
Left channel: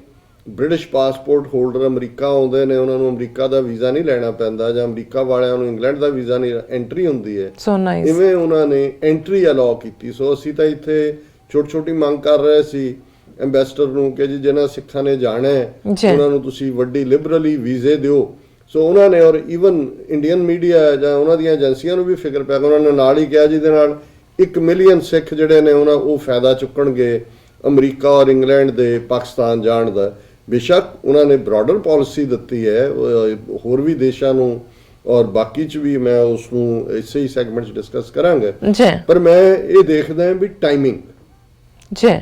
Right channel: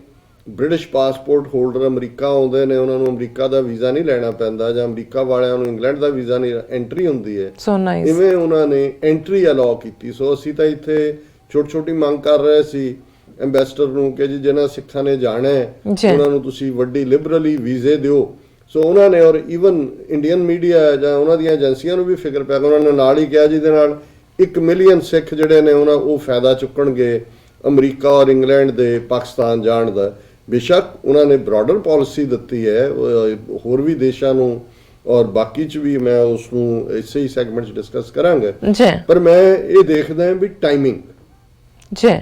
ਬ੍ਰਿਟਿਸ਼ ਪਾਸਪੋਰਟ ਹੋਲਡਰ ਅਮਰੀਕਾ ਆਉਂਦੇ ਨੇ ਉਹਨਾਂ ਨੂੰ ਅਮਰੀਕਾ ਦਾ ਵੀਜ਼ਾ ਨਹੀਂ ਲੈਣਾ ਪੈਂਦਾ ਜਾਂ ਅਮਰੀਕਾ ਵਾਲਿਆਂ ਨੂੰ ਇੰਗਲੈਂਡ ਦਾ ਵੀਜ਼ਾ ਨਹੀਂ, ਐਂਟਰੀ ਹੁੰਦੀ ਹੈ। ਇਵੇਂ ਉਹਨਾਂ ਨੇ ਐਂਟਰੀ ਅਲਾਉ ਕੀਤੀ। ਸੋ ਅਸੀਂ ਤਾਂ ਇੱਥੇ ਛੋਟੀ ਛੋਟੀ ਮੰਗ ਕਰ ਰਹੇ ਸੀ ਐਂਬੈਸਡਰ ਨੂੰ ਕਿ ਜੀ ਜਿਹਨਾਂ ਸਿੱਖਾਂ ਨੇ ਜਾਣਾ ਹੈ ਉਹਨਾਂ ਨੂੰ ਤੁਸੀਂ ਵੱਡੀ ਲਿਬਰਲੀ ਵੀਜ਼ੇ ਦਿਓ। ਸੋ ਉਹਨਾਂ ਨੇ ਔਰ ਈਵਨ ਇੰਡੀਅਨ ਮੀਡੀਆ ਜਾਂ ਉਹਨਾਂ ਦੀਆਂ ਏਜੰਸੀਆਂ ਨੂੰ ਵੀ ਫਿਕਰ ਪਿਆ, ਉਹਨਾਂ ਨੇ ਨਾਲ ਹੀ ਕਿਹਾ ਜਿਹਦੇ ਨਾਲ 1 ਮਿਲੀਅਨ ਸਿੱਖ ਜਿਹੜੇ ਨੇ ਉਹ ਫਾਇਦਾ ਚੁੱਕਣਗੇ ਅਮਰੀਕਾ ਔਰ ਇੰਗਲੈਂਡ ਦੇ ਪਾਕਿਸਤਾਨ ਜਾਣ ਦਾ। ਬੇਸ਼ੱਕ ਉਹਨਾਂ ਨੇ ਬ੍ਰੌਡਰ ਪਾਲਿਸੀ ਦਿੱਤੀ ਹੈ ਹੋਰ ਵੀ ਦੇਸ਼ਾਂ ਨੂੰ, ਔਰ ਬਾਕੀ ਚ ਵੀ ਮੈਂ ਉਸ ਨੂੰ ਇਸੇ ਹੀ ਸੈਗਮੈਂਟ 'ਚ ਡਿਸਕਸ ਕਰਾਂਗਾ ਜੀ। ਪਰ ਮੈਂ ਇਹ ਦੇਖਦਾ ਵੀ ਟਾਈਮਿੰਗ ਜੀ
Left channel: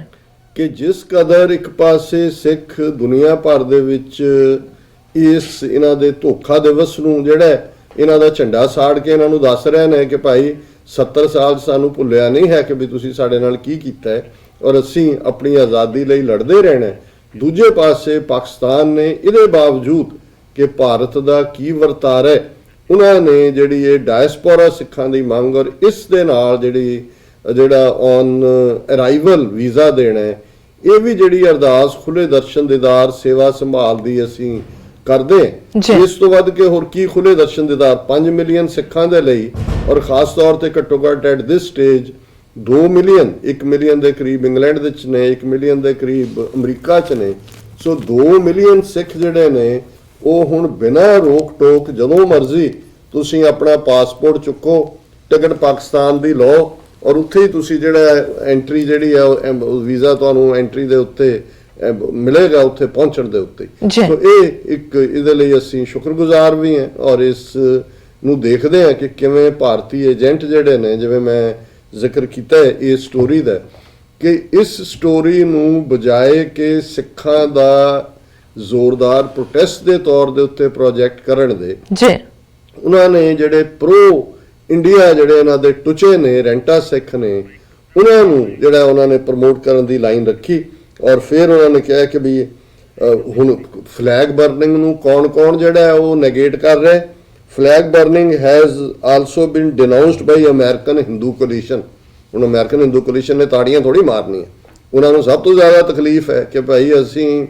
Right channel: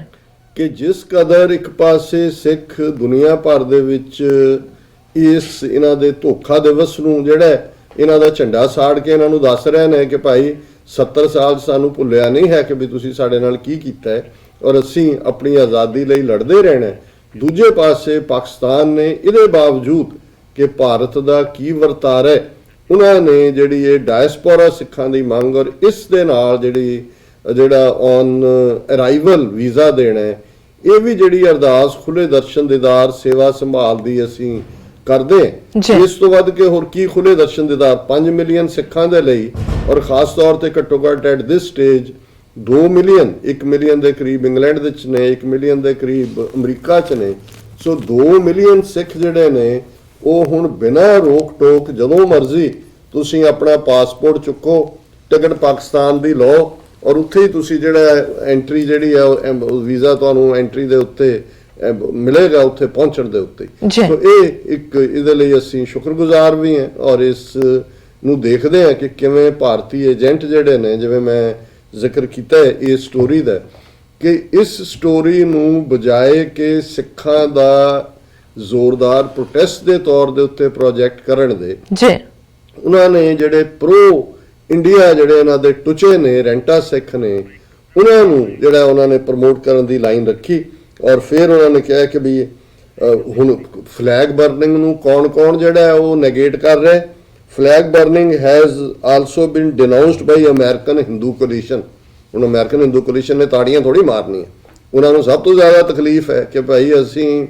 ਕਿ ਜਿਸ ਕਦਰ ਇੱਕ ਪਾਸੇ ਸਿੱਖ ਦੁਨੀਆ ਭਰ ਦੇ ਵਿੱਚ ਇਹਨਾਂ ਦੇ ਧੋਖਾ ਦਿਵਸ ਨੂੰ ਜਿਹੜਾ ਇਹਨਾਂ ਦਾ ਝੰਡਾ ਸਾੜ ਕੇ ਇਹਨਾਂ ਨੂੰ ਦੱਸ ਰਹੇ ਨੇ ਕਿ ਭਾਈ 70 ਸਾਲ ਸਾਨੂੰ ਭੁੱਲਿਆ ਨਹੀਂ ਹੈ ਕਿ ਵੀ ਤੁਸੀਂ ਸਾਡੇ ਨਾਲ ਕੀ ਕੀਤਾ ਹੈ ਔਰ ਅਸੀਂ ਆਪਣੀ ਆਜ਼ਾਦੀ ਲਈ ਲੜਦੇ ਰਹਿਣਾ। ਦੂਜੇ ਪਾਸੇ ਪਾਕਿਸਤਾਨ ਨੇ ਇਹਦੇ ਬਾਵਜੂਦ ਕਿ ਭਾਰਤ ਦਾ ਕੀ ਵਰਤਾਰਾ ਹੈ, ਉਹਨਾਂ ਨੇ ਜਿਹੜੀ ਇਹ ਡਾਇਸਪੋਰਾ ਸਿੱਖਾਂ ਦੀ ਮੰਗ ਔਰ ਇਸ ਦੇ ਨਾਲ ਜਿਹੜਾ ਔਨ ਅਰਾਈਵਲ ਵੀਜ਼ਾ ਦੇਣਾ ਹੈ, ਇਹ ਵੀ ਜਿਹੜੀ ਅਰਦਾਸ ਖੁੱਲੇ ਦਰਸ਼ਨ ਦੀਦਾਰ ਸੇਵਾ ਸੰਭਾਲ ਦੀ ਅਸੀਂ ਕਰਦੇ। ਇਸ ਤੋਂ ਵੱਧ ਕੇ ਹੋਰ ਕੀ ਖੁੱਲੇ ਦਰਸ਼ਨ ਦੀਦਾਰ 5 ਮਿਲੀਅਨ ਸਿੱਖਾਂ ਦੇ ਲਈ ਔਰ ਖਾਸ ਤੌਰ ਤੇ ਘੱਟੋ ਘੱਟ at this stage 2 million 1 million ਦੇ ਕਰੀਬ ਇੰਗਲੈਂਡ ਦੇ ਵਿੱਚ ਨੇ, 1 ਮਿਲੀਅਨ ਦੇ ਕਰੀਬ ਅਮਰੀਕਾ 'ਚ ਨੇ। ਸੋ 2 ਮਿਲੀਅਨ ਸਿੱਖ ਜਿਹੜੇ ਨੇ ਉਹ ਹੁਣ ਬਿਨਾਂ ਰੋਕ ਟੋਕ ਜਦੋਂ ਮਰਜ਼ੀ ਤੁਸੀਂ ਆਪਣਾ ਪਾਸਪੋਰਟ ਚੁੱਕੋ, ਟਿਕਟ ਪਾਕਿਸਤਾਨ ਦੀ ਲਓ ਔਰ ਉੱਥੇ ਹੀ ਤੁਸੀਂ ਜਿਹੜਾ ਐਂਟਰੀ ਜਿਹੜੀ ਹੈ ਵੀਜ਼ਾ ਤੁਹਾਨੂੰ ਐਂਟਰੀ ਦੇ ਉੱਤੇ ਮਿਲੇਗਾ ਉੱਥੇ ਪਹੁੰਚਣ ਦੇ ਉੱਤੇ। ਸੋ ਇਹ ਇੱਕ ਇਹਦੇ ਲਈ ਅਸੀਂ ਸ਼ੁਕਰਗੁਜ਼ਾਰ ਵੀ ਹਾਂ ਔਰ ਇਸ ਨੂੰ ਦੇਖਦੇ ਹਾਂ ਕਿ ਕਿਵੇਂ ਭਾਰਤੀ ਏਜੰਟ ਜਿਹੜੇ ਨੇ, ਜਿਵੇਂ ਮੈਂ ਜ਼ਿਕਰ ਕੀਤਾ ਹੈ ਇਸ ਸਟੋਰੀ ਦਾ, ਕਿ ਇਸ ਸਟੋਰੀ ਨੂੰ ਬਜਾਏ ਕਿ ਸਿੱਖਾਂ ਦਾ ਜ਼ੋਰਦਾਰ ਪ੍ਰੋਟੈਸਟ ਦੇ ਤੌਰ ਦੇ ਉੱਤੇ ਪ੍ਰੋਜੈਕਟ ਕਰਨ ਦੇ, ਉਹਨਾਂ ਨੇ ਜਿਹੜੇ ਪ੍ਰੋ ਇੰਡੀਆ ਜਿਹੜੇ ਇਹਨਾਂ ਦੇ ਟੁਚੇ ਨੇ ਰੈਂਟਾ ਸਿੱਖ ਨੇ, ਉਹਨਾਂ ਨੂੰ ਜਿਹੜਾ ਉਹਨਾਂ ਨੇ ਪ੍ਰਮੋਟ ਕਰਨ ਦੀ ਲਾਈਨ ਰੱਖੀ ਔਰ ਫਿਰ ਉਹਨਾਂ ਨੇ ਕਿਹਾ ਕਿ ਵੀ ਹੁਣ ਫਲੈਗ ਬਰਨਿੰਗ ਨੂੰ ਕੌਣ ਜਿਹੜਾ ਹੈ ਉਹ ਨੈਗੇਟ ਕਰ ਰਿਹਾ। Flag burning has also been denounced by American Hindu coalition. ਹੁਣ ਅਮਰੀਕਨ ਹਿੰਦੂ ਕੋਲੀਸ਼ਨ ਨੇ ਤਾੜੀਆਂ ਥੋੜੀ ਮਾਰਨੀਆਂ, ਉਹਨਾਂ ਨੂੰ ਸਭ ਤੋਂ ਜ਼ਿਆਦਾ ਤਕਲੀਫ ਹੈ ਕਿ ਭਾਈ ਅਸੀਂ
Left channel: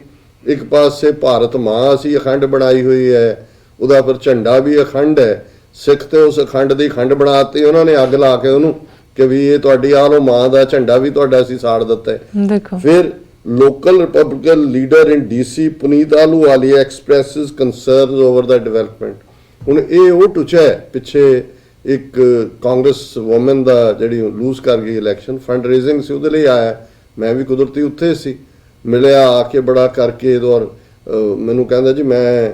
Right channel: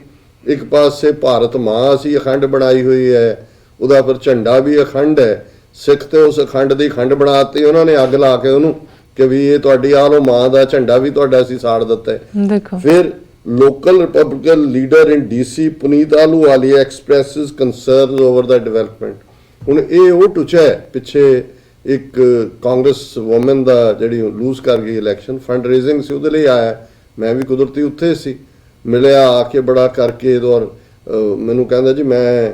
ਇੱਕ ਪਾਸੇ ਭਾਰਤ ਮਾਂ ਅਸੀਂ ਅਖੰਡ ਬਣਾਈ ਹੋਈ ਹੈ, ਉਹਦਾ ਫਿਰ ਝੰਡਾ ਵੀ ਅਖੰਡ ਹੈ, ਸਿੱਖ ਤੇ ਉਸ ਅਖੰਡ ਦੀ ਖੰਡ ਬਣਾਤੀ ਉਹਨਾਂ ਨੇ, ਅੱਗ ਲਾ ਕੇ ਉਹਨੂੰ ਕਿ ਵੀ ਇਹ ਤੁਹਾਡੀ ਆਹ ਲੋ ਮਾਂ ਦਾ ਝੰਡਾ ਵੀ ਤੁਹਾਡਾ ਅਸੀਂ ਸਾੜ ਦਿੱਤਾ ਹੈ। ਫਿਰ ਲੋਕਲ ਰਿਪਬਲਿਕਨ ਲੀਡਰ ਇਨ DC ਪੁਨੀਤ ਆਹਲੂਵਾਲੀਆ ਐਕਸਪ੍ਰੈਸਿਸ ਕੰਸਰਨਸ ਓਵਰ ਦਾ ਡਿਵੈਲਪਮੈਂਟ। ਹੁਣ ਇਹ ਉਹ ਟੁਚਾ ਹੈ, ਪਿੱਛੇ ਇੱਕ ਕਾਂਗਰਸ ਵੂਮਨ ਦਾ ਜਿਹੜੀ ਲੂਜ਼ ਕਰ ਗਈ ਇਲੈਕਸ਼ਨ, ਫੰਡ ਰੇਜ਼ਿੰਗ ਸੀ ਉਹਦੇ ਲਈ ਆਇਆ, ਮੈਂ ਵੀ ਕੁਦਰਤੀ ਉੱਥੇ ਸੀ, ਮਿਲਿਆ ਆ ਕੇ ਬੜਾ ਕਰਕੇ ਔਰ ਮੈਨੂੰ ਕਹਿੰਦਾ ਜੀ ਮੈਂ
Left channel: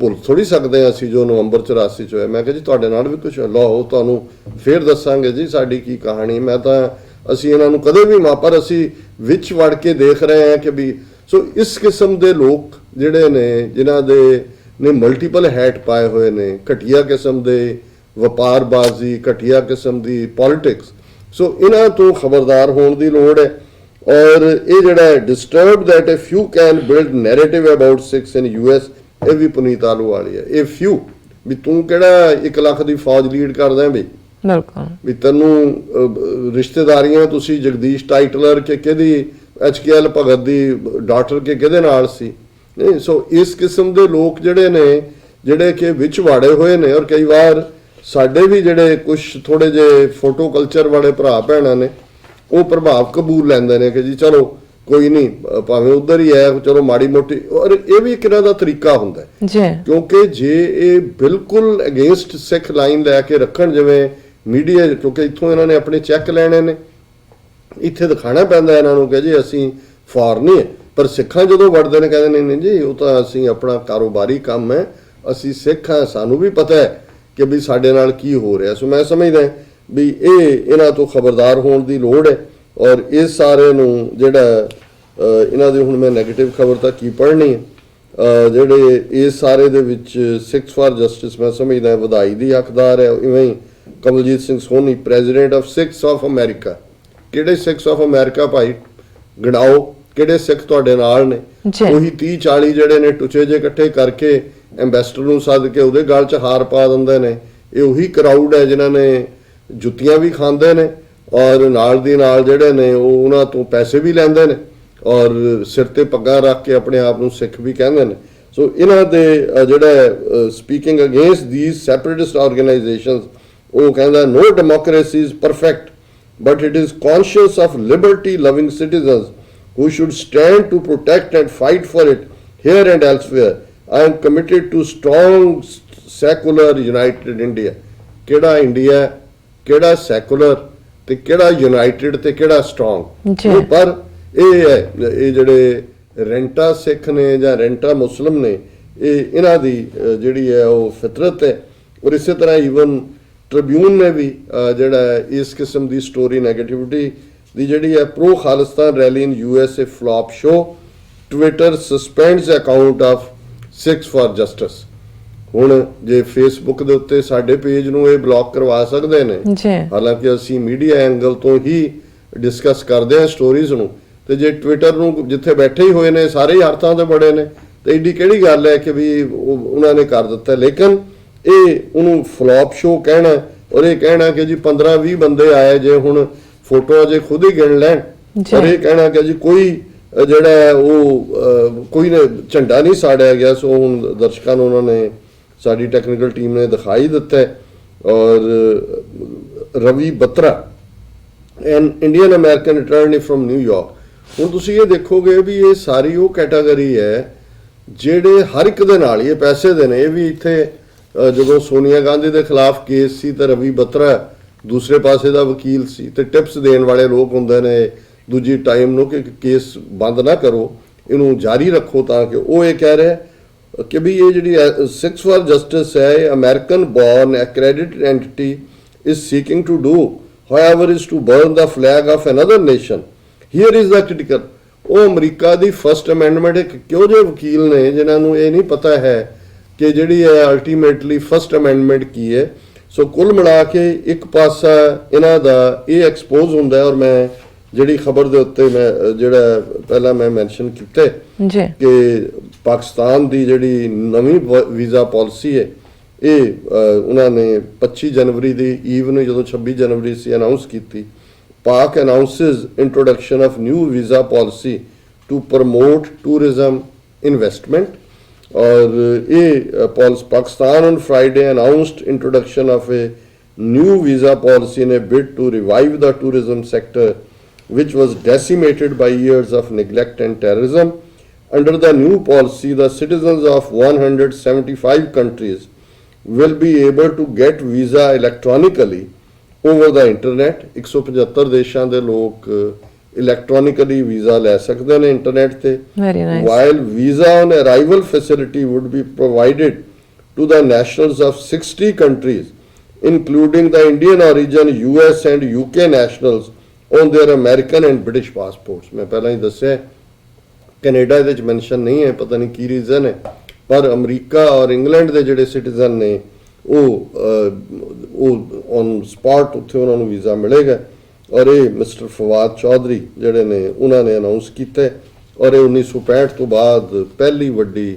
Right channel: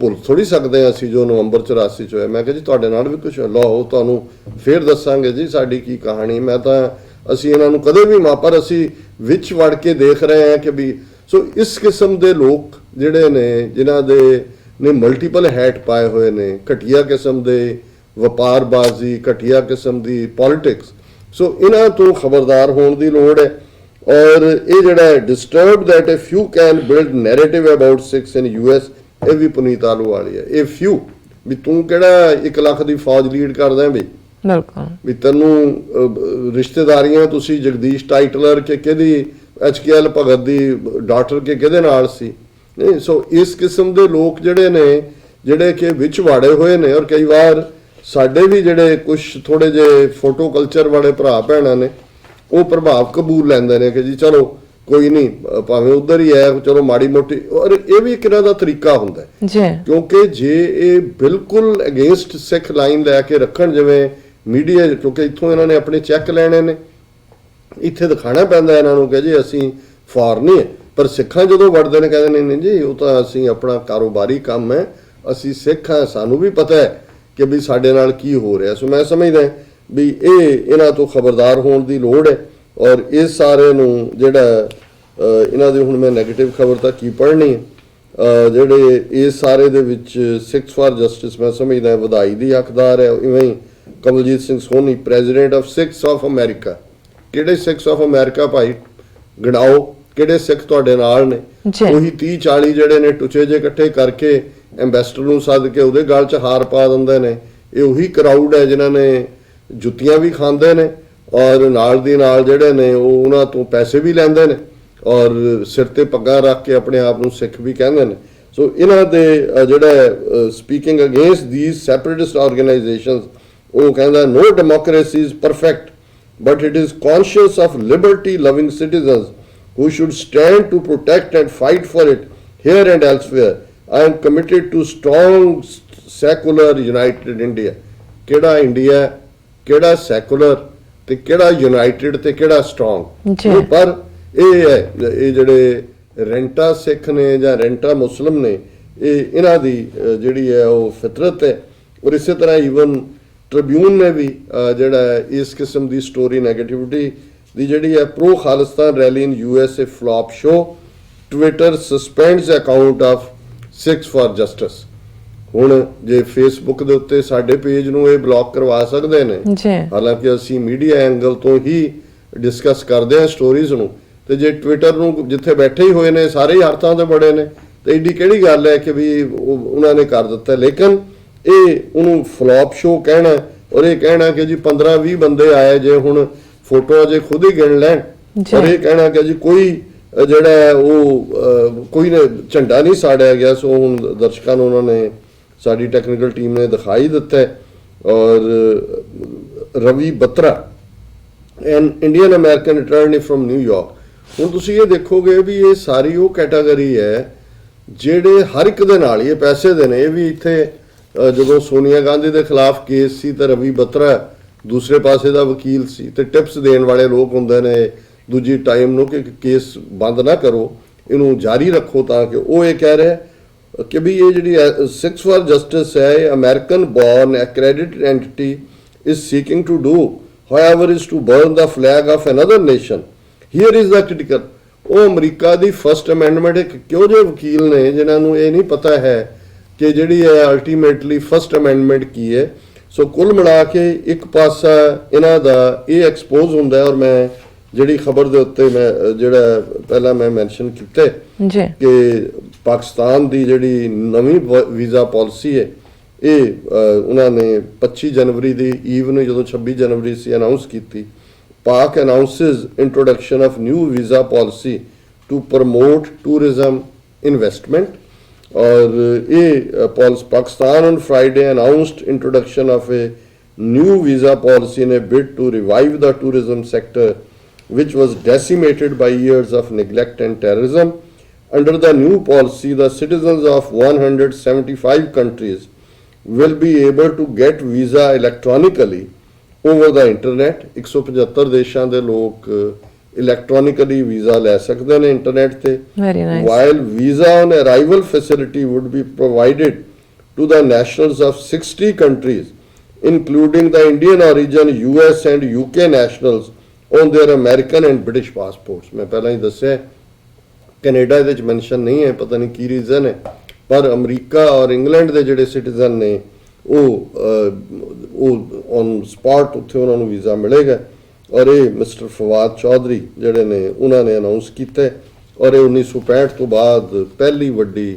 ਭੁੱਲ ਥੋੜੀ ਸਕਦੇ ਅਸੀਂ ਜੋ ਨਵੰਬਰ 84 ਚ ਹੋਇਆ। ਮੈਂ ਕਿਹਾ ਜੀ ਤੁਹਾਡੇ ਨਾਲ ਵੀ ਕੁਝ ਲਓ ਤੁਹਾਨੂੰ ਫਿਰ ਦੱਸਾਂਗੇ ਜੀ ਸਾਡੀ ਕੀ ਕਹਾਣੀ। ਮੈਂ ਤਾਂ ਅਸੀਂ ਇਹਨਾਂ ਨੂੰ ਕਦੇ ਵੀ ਪਰ ਅਸੀਂ ਵਿੱਚ ਵੜ ਕੇ ਦੇਖ ਰਹੇ ਹਾਂ ਕਿ ਵੀ ਸੋ ਇਸ ਕਿਸਮ ਦੇ ਲੋਕ ਜਿਹੜੇ ਨੇ ਜਿਨ੍ਹਾਂ ਦੇ ਨੇ ਮਲਟੀਪਲ ਹੈਟ ਪਾਏ ਹੋਏ ਨੇ, ਘਟੀਆ ਕਿਸਮ ਦੇ ਵਪਾਰਬਾਜ਼ੀ, ਘਟੀਆ ਕਿਸਮ ਦੀ ਪੋਲਿਟਿਕਸ, ਸੋ ਇਹਨਾਂ ਤੋਂ ਖਬਰਦਾਰ ਹੋਣ ਦੀ ਲੋੜ ਹੈ। ਔਰ ਇਹ ਜਿਹੜਾ disturb that a few can build narrative about Sikhs in US, ਇਹ ਵੀ ਪੁਨੀਤ ਆਹਲੂਵਾਲੀਆ। ਇਹ ਫਿਊ ਵੀ ਤੂੰ ਕਿਹੜਾ 1 ਲੱਖ ਦੀ ਫੌਜ ਲੀਡ ਕਰਦਾ ਬਈ, ਵੀ ਤੈਨੂੰ ਰਿਸ਼ਤੇਦਾਰੀਆਂ ਤੁਸੀਂ ਜਗਦੀਸ਼ ਟਾਈਟਲਰ ਕੇ ਕਿਹਦੀ HKL ਭਗਤ ਦੀ ਡਾਟਰ ਕੇ ਕਿਹਦੇ ਨਾਲ ਸੀ। ਨਹੀਂ, ਸੋ ਇਸ ਕਿਸਮ ਦੇ ਲੋਕ ਜਿਹੜੇ ਨੇ ਜਿਹੜੇ ਕਿ ਵਿੱਚ ਵਾੜੇ ਹੋਏ ਨੇ ਔਰ ਕਈ ਵਾਰ ਸਾਡੇ ਵੀ ਜਿਹੜੇ ਕੁਝ ਥੋੜੇ ਜਿਹੇ ਫੋਟੋ ਕਲਚਰ ਵਾਲੇ ਭਰਾ ਭੈਣਾਂ ਨੇ ਉਹ ਪ੍ਰਭਾਵ ਕਬੂਲ ਲੈਂਦੇ ਨੇ ਕਿ ਜੀ ਚਲੋ ਕੋਈ ਨਹੀਂ ਭਾਵੇਂ ਉਧਰ ਹੀ ਹੈ ਚਲੋ ਮਾੜੀ ਮੋਟੀ, ਔਰ ਇਹ ਵੀ ਇੱਕ ਇਹਨਾਂ ਦਾ ਤਰੀਕਾ ਹੁੰਦਾ ਹੈ ਕਿਉਂਕਿ ਜੇ ਇਹ ਬਿਲਕੁਲ ਅਗੇਂਸਟ ਸਿੱਖ ਲਾਈਨ ਲੈ ਕੇ ਰੱਖਣ ਜਿਵੇਂ ਮੀਡੀਆ, ਕਿਉਂਕਿ ਇੱਥੋਂ ਇਹਨਾਂ ਨੇ ਆਪਣੇ ਚੈੱਕ ਲੈਣੇ ਨੇ, ਇੱਥੇ ਦਿਖਾਣਾ ਪੈਂਦਾ ਇਹਨਾਂ ਨੂੰ ਕਿ ਜੀ ਅਸੀਂ ਫੋਰਨੀ ਹੈ, ਪਰ ਸਿੱਖਾਂ ਜਦੋਂ ਵੜਦੇ ਨੇ ਕਹਿੰਦੇ ਨਹੀਂ ਜੀ ਉਹ ਤਾਂ ਅਸੀਂ ਆਪਣਾ ਕਾਰੋਬਾਰੀ ਕੰਮ ਹੈ, ਅਸੀਂ ਸਿੱਖ ਹਾਂ, ਸਾਨੂੰ ਵੀ ਪਤਾ ਹੈ ਕਿ ਵੀ ਸਾਡੇ ਨਾਲ ਕੀ ਹੋ ਰਿਹਾ। ਸੋ ਮੈਂ ਸਮਝਦਾ ਵੀ ਇਹਨਾਂ ਤੋਂ ਖਬਰਦਾਰ ਹੋਣ ਦੀ ਲੋੜ ਹੈ ਔਰ ਇਸ ਸਾਰੇ ਨੂੰ ਜਿਹੜਾ ਇਹਨਾਂ ਦੀ ਹੁਣ ਮੈਂ ਨੈਗੇਟਿਵ ਖਬਰ ਤਾਂ ਕੀ ਪੜ੍ਹਨੀ ਹੈ, ਜਿਹੜੇ ਇਸ ਸਾਰੇ ਦੇ ਵਿੱਚ ਸਿੱਖਸ ਫਾਰ ਜਸਟਿਸ ਮੈਂ ਸਮਝਦਾ ਵਧਾਈ ਦੀ ਹੱਕਦਾਰ ਹੈ। ਇਵੇਂ ਹੀ Kamaljit Singh Soni president of Sikhs of America. ਕਿਹੜੇ ਸਿੱਖਸ ਆਫ ਅਮਰੀਕਾ ਭਾਈ ਗੜਾਓ, ਕਿਹੜੇ ਸਿੱਖ ਤੁਹਾਡੇ ਨਾਲ ਨੇ? ਉਹੀ 30-40 ਜਿਹੜੇ ਨੇ ਟੁਚੇ ਜੇ ਇਕੱਠੇ ਕਰਕੇ ਐਂਬੈਸਡਰ ਨੂੰ ਸੱਦ ਕੇ ਉਹਦੇ ਗਲ 'ਚ ਹਾਰ ਪਾ ਦਿੰਦੇ ਨੇ। ਇਹ ਉਹੀ ਕਰਾਊਡ ਹੈ ਜਿਨ੍ਹਾਂ ਨੇ ਜੁੱਤੀਆਂ ਵੀ ਖਾਂਦੇ ਨੇ ਔਰ ਨਾਲ ਦੀ ਨਾਲ ਜਿਹੜੇ ਨੇ ਉਹ ਉਹਨਾਂ ਤੋਂ ਪੈਸੇ ਵੀ ਲੈਂਦੇ ਨੇ ਔਰ ਸਿਰ ਤੇ ਪੱਗਾਂ ਰੱਖ ਕੇ ਆਪਣੇ ਆਪ ਨੂੰ ਸਿੱਖ ਵੀ ਕਹਿੰਦੇ ਨੇ। ਸੋ ਇਹਨਾਂ ਦੇ ਜਿਹੜਾ speaking against these separatist organisations, ਉਹ ਕਹਿੰਦਾ no democracy is perfect but it is conscious of liberty loving citizens who should stand to protect and fight for it here and elsewhere. I am committed to strong secular united India. ਕਿਹੜਾ ਇੰਡੀਆ, ਕਿਹੜਾ ਸੈਕੂਲਰ ਤੇ ਕਿਹੜਾ ਯੂਨਾਈਟਿਡ ਤੇ ਕਿਹੜਾ ਸਟਰੋਂਗ। ਜੀ। ਪਰ ਇਹ ਹੈ ਇਹ ਜਿਹੜੇ ਰੈਂਟਾ ਸਿੱਖ ਨੇ ਜਾਂ ਰੈਂਟਾ ਮੁਸਲਿਮ ਨੇ, ਇਹ ਇਹਨਾਂ ਦੀ ਜਿਹੜੀ ਹੈ ਉਹ ਫਿਤਰਤ ਹੈ। ਔਰ ਇਸੇ ਤਰ੍ਹਾਂ ਈਵਨ ਟ੍ਰਿਬਿਊਨ ਨੇ ਵੀ ਜਿਹੜਾ ਇਸ ਕਿਸਮ ਦੀ ਸਟੋਰੀ ਨੈਗੇਟਿਵਿਟੀ ਦੀ ਜਿਹੜੀ ਹੈ pro Khalistan rally in USA flop show, Twitter suspends account of Sikhs for justice. ਹੁਣ ਜੇ ਫੇਸਬੁੱਕ ਦੇ ਉੱਤੇ ਸਾਡੇ ਪੇਜ ਨੂੰ ਇਹ ਬਲੌਕ ਕਰਵਾ ਸਕਦੇ ਨੇ, ਹਾਲਾਂਕਿ ਅਸੀਂ ਮੀਡੀਆ ਐਂਗਲ ਤੋਂ ਹੀ ਡਿਸਕਸ ਕਰਦੇ ਹਾਂ ਸਟੋਰੀਜ਼ ਨੂੰ, ਤੇ ਜੇ ਟਵਿੱਟਰ ਨੂੰ ਜਿੱਥੇ ਬੈਠੇ ਹੀ ਹੋਏ ਨੇ ਸਾਰੇ ਹਰ ਥਾਂ ਤੇ ਬੜੇ ਨੇ, ਤੇ ਏਡੀ ਕਿਹੜੀ ਗੱਲ ਹੈ ਕਿ ਵੀ ਉਹਨਾਂ ਨੇ ਕਰ ਦਿੱਤਾ। ਲੇਕਿਨ ਇਹ ਉਹਨੂੰ ਫਲॉप ਸ਼ੋ ਕਹਿਣਾ ਔਰ ਇਹ ਕਹਿਣਾ ਕਿ ਜੀ 15-20 ਬੰਦੇ ਆਏ, ਜੇ ਹੁਣ ਫੋਟੋਆਂ ਜੇ ਖੁਦ ਹੀ ਗਿਣ ਲੈਣ, ਔਰ ਇਹ ਕਹਿਣਾ ਕਿ ਜੀ ਕੋਈ ਜਿਹੜਾ ਹੈ ਉਹ ਕੋਈ ਝੰਡਾ ਨਹੀਂ ਸਾੜਿਆ ਗਿਆ। ਸੋ ਹੁਣ ਦਰਸ਼ਕਾਂ ਨੂੰ ਉਹਨਾਂ ਨੇ, ਸਾਡੀ ਟੈਕਨੀਕਲ ਟੀਮ ਨੇ ਦਿਖਾਈ ਦਿੱਤਾ ਹੈ। ਔਰ Ravi Batra an Indian American attorney firm New York, ਹੁਣ ਤੁਸੀਂ ਇਹ ਦੇਖੋਗੇ ਵੀ ਇਹ ਸਾਰੀ ਉਹ ਕੈਟਾਗਰੀ ਹੈ ਜਿਹੜੇ ਹਰ ਇੱਕ ਦੇ ਨਾਲ, ਇਹ ਪੈਸੇ ਦੇ ਨੇ। ਇਹ ਵੀ ਇੱਥੇ ਜਦੋਂ ਸੋਨੀਆ ਗਾਂਧੀ ਦੇ ਖਿਲਾਫ ਕੇਸ ਸੀ ਤੇ ਰਵੀ ਬਤਰਾ ਦੂਸਰੇ ਪਾਸੇ ਦਾ ਵਕੀਲ ਸੀ, ਤੇ ਟਿਪਸ ਦੇਣ ਵਾਲੇ ਲੋਕ ਹੁੰਦੇ ਨੇ ਦੂਜੀ ਟਾਈਮ ਨੂੰ ਕਿ ਕੇਸ ਬੰਦ ਨਾ ਕਰੋ, ਇਹਨੂੰ ਜਾਰੀ ਰੱਖੋ, ਤਾਂ ਕਿ ਉਹ ਇਹ ਕਹਿ ਰਹੇ ਕਿ ਵੀ ਇਹ ਜਿਹੜੀ ਸਿੱਖਸ ਫਾਰ ਜਸਟਿਸ ਹੈ, ਇਹ American born accredited entity is seeking to do however is to burn the flag of another nation. Here is the critical, ਉਹ ਅਮਰੀਕਾ ਦੀ ਫਸਟ ਅਮੈਂਡਮੈਂਟ ਇੱਕ ਕਿਉਂ ਜਿਹੇ ਵਕੀਲ ਨੇ ਜਿਨ੍ਹਾਂ ਨੂੰ ਇਹ ਨਹੀਂ ਪਤਾ ਹੈ ਕਿ ਜਿਹੜੀ ਹੈ ਅਲਟੀਮੇਟਲੀ ਫਸਟ ਅਮੈਂਡਮੈਂਟ ਕੀ ਹੈ। ਸੋ ਕੁੱਲ ਮਿਲਾ ਕੇ ਇੱਕ ਪਾਸਾ ਇਹਨਾਂ ਦਾ ਇਹ ਐਕਸਪੋਜ਼ ਹੁੰਦਾ ਹੈ। ਔਰ ਮੈਂ ਜਿਹੜੀ ਖਬਰ ਦੇ ਉੱਤੇ ਮੈਂ ਜਿਹੜਾ ਪਹਿਲਾਂ ਮੈਂ ਮੈਂਸ਼ਨ ਕੀਤੇ ਕਿ ਪਾਕਿਸਤਾਨ ਦੀ ਜਿਹੜੀ ਨਵੀਂ ਵੀਜ਼ਾ ਪਾਲਿਸੀ ਹੈ, ਇਹ ਉਹਨਾਂ ਨੇ 25 ਜਨਵਰੀ ਦੀ ਈਵ ਨੂੰ, ਜਦੋਂ 26 ਜਨਵਰੀ ਸੀ, ਅਨਾਉਂਸ ਕੀਤੀ। Pak announces introduction of new visa policy to promote tourism investment. ਔਰ ਇਹ Pakistan on Friday announced introduction of a new visa policy in a bid to revive the tourism sector which was decimated by years of neglect and terrorism. Under the new policy, the citizens of 175 countries will be able to get visa electronically over the internet. 175 ਦੇਸ਼ਾਂ ਦੇ ਲੋਕ electronically visa ਲੈ ਸਕਦੇ ਨੇ ਇੰਟਰਨੈਟ ਤੇ। Very nice. While visa on arrival facility would be provided to the nationals of 60 countries, including the Indian origin, US and UK nationals on their American and British passports. ਮੈਂ ਪਹਿਲਾਂ ਹੀ ਦੱਸਿਆ ਕੈਨੇਡਾ ਇਹਦੇ ਚ ਮੈਂਸ਼ਨ ਨਹੀਂ ਹੈ, ਪਤਾ ਨਹੀਂ ਕੀ ਰੀਜ਼ਨ ਹੈ, ਪਰ ਅਮਰੀਕਾ ਔਰ ਇੰਗਲੈਂਡ ਦੇ ਜਿਹੜੇ ਸਿਟੀਜ਼ਨ ਨੇ ਉਹ ਔਨ ਸਪੌਟ ਉੱਥੇ ਉਹਨਾਂ ਨੂੰ ਵੀਜ਼ਾ ਮਿਲੇਗਾ। ਔਰ ਇਹ ਮਿਸਟਰ ਫਵਾਦ ਚੌਧਰੀ ਜਿਹੜੇ ਨੇ ਉਹਨਾਂ ਨੇ ਅਨਾਉਂਸ ਕੀਤੇ, ਔਰ ਇਹ 1965 ਤੋਂ ਬਾਅਦ ਪਹਿਲੀ ਵੱਡੀ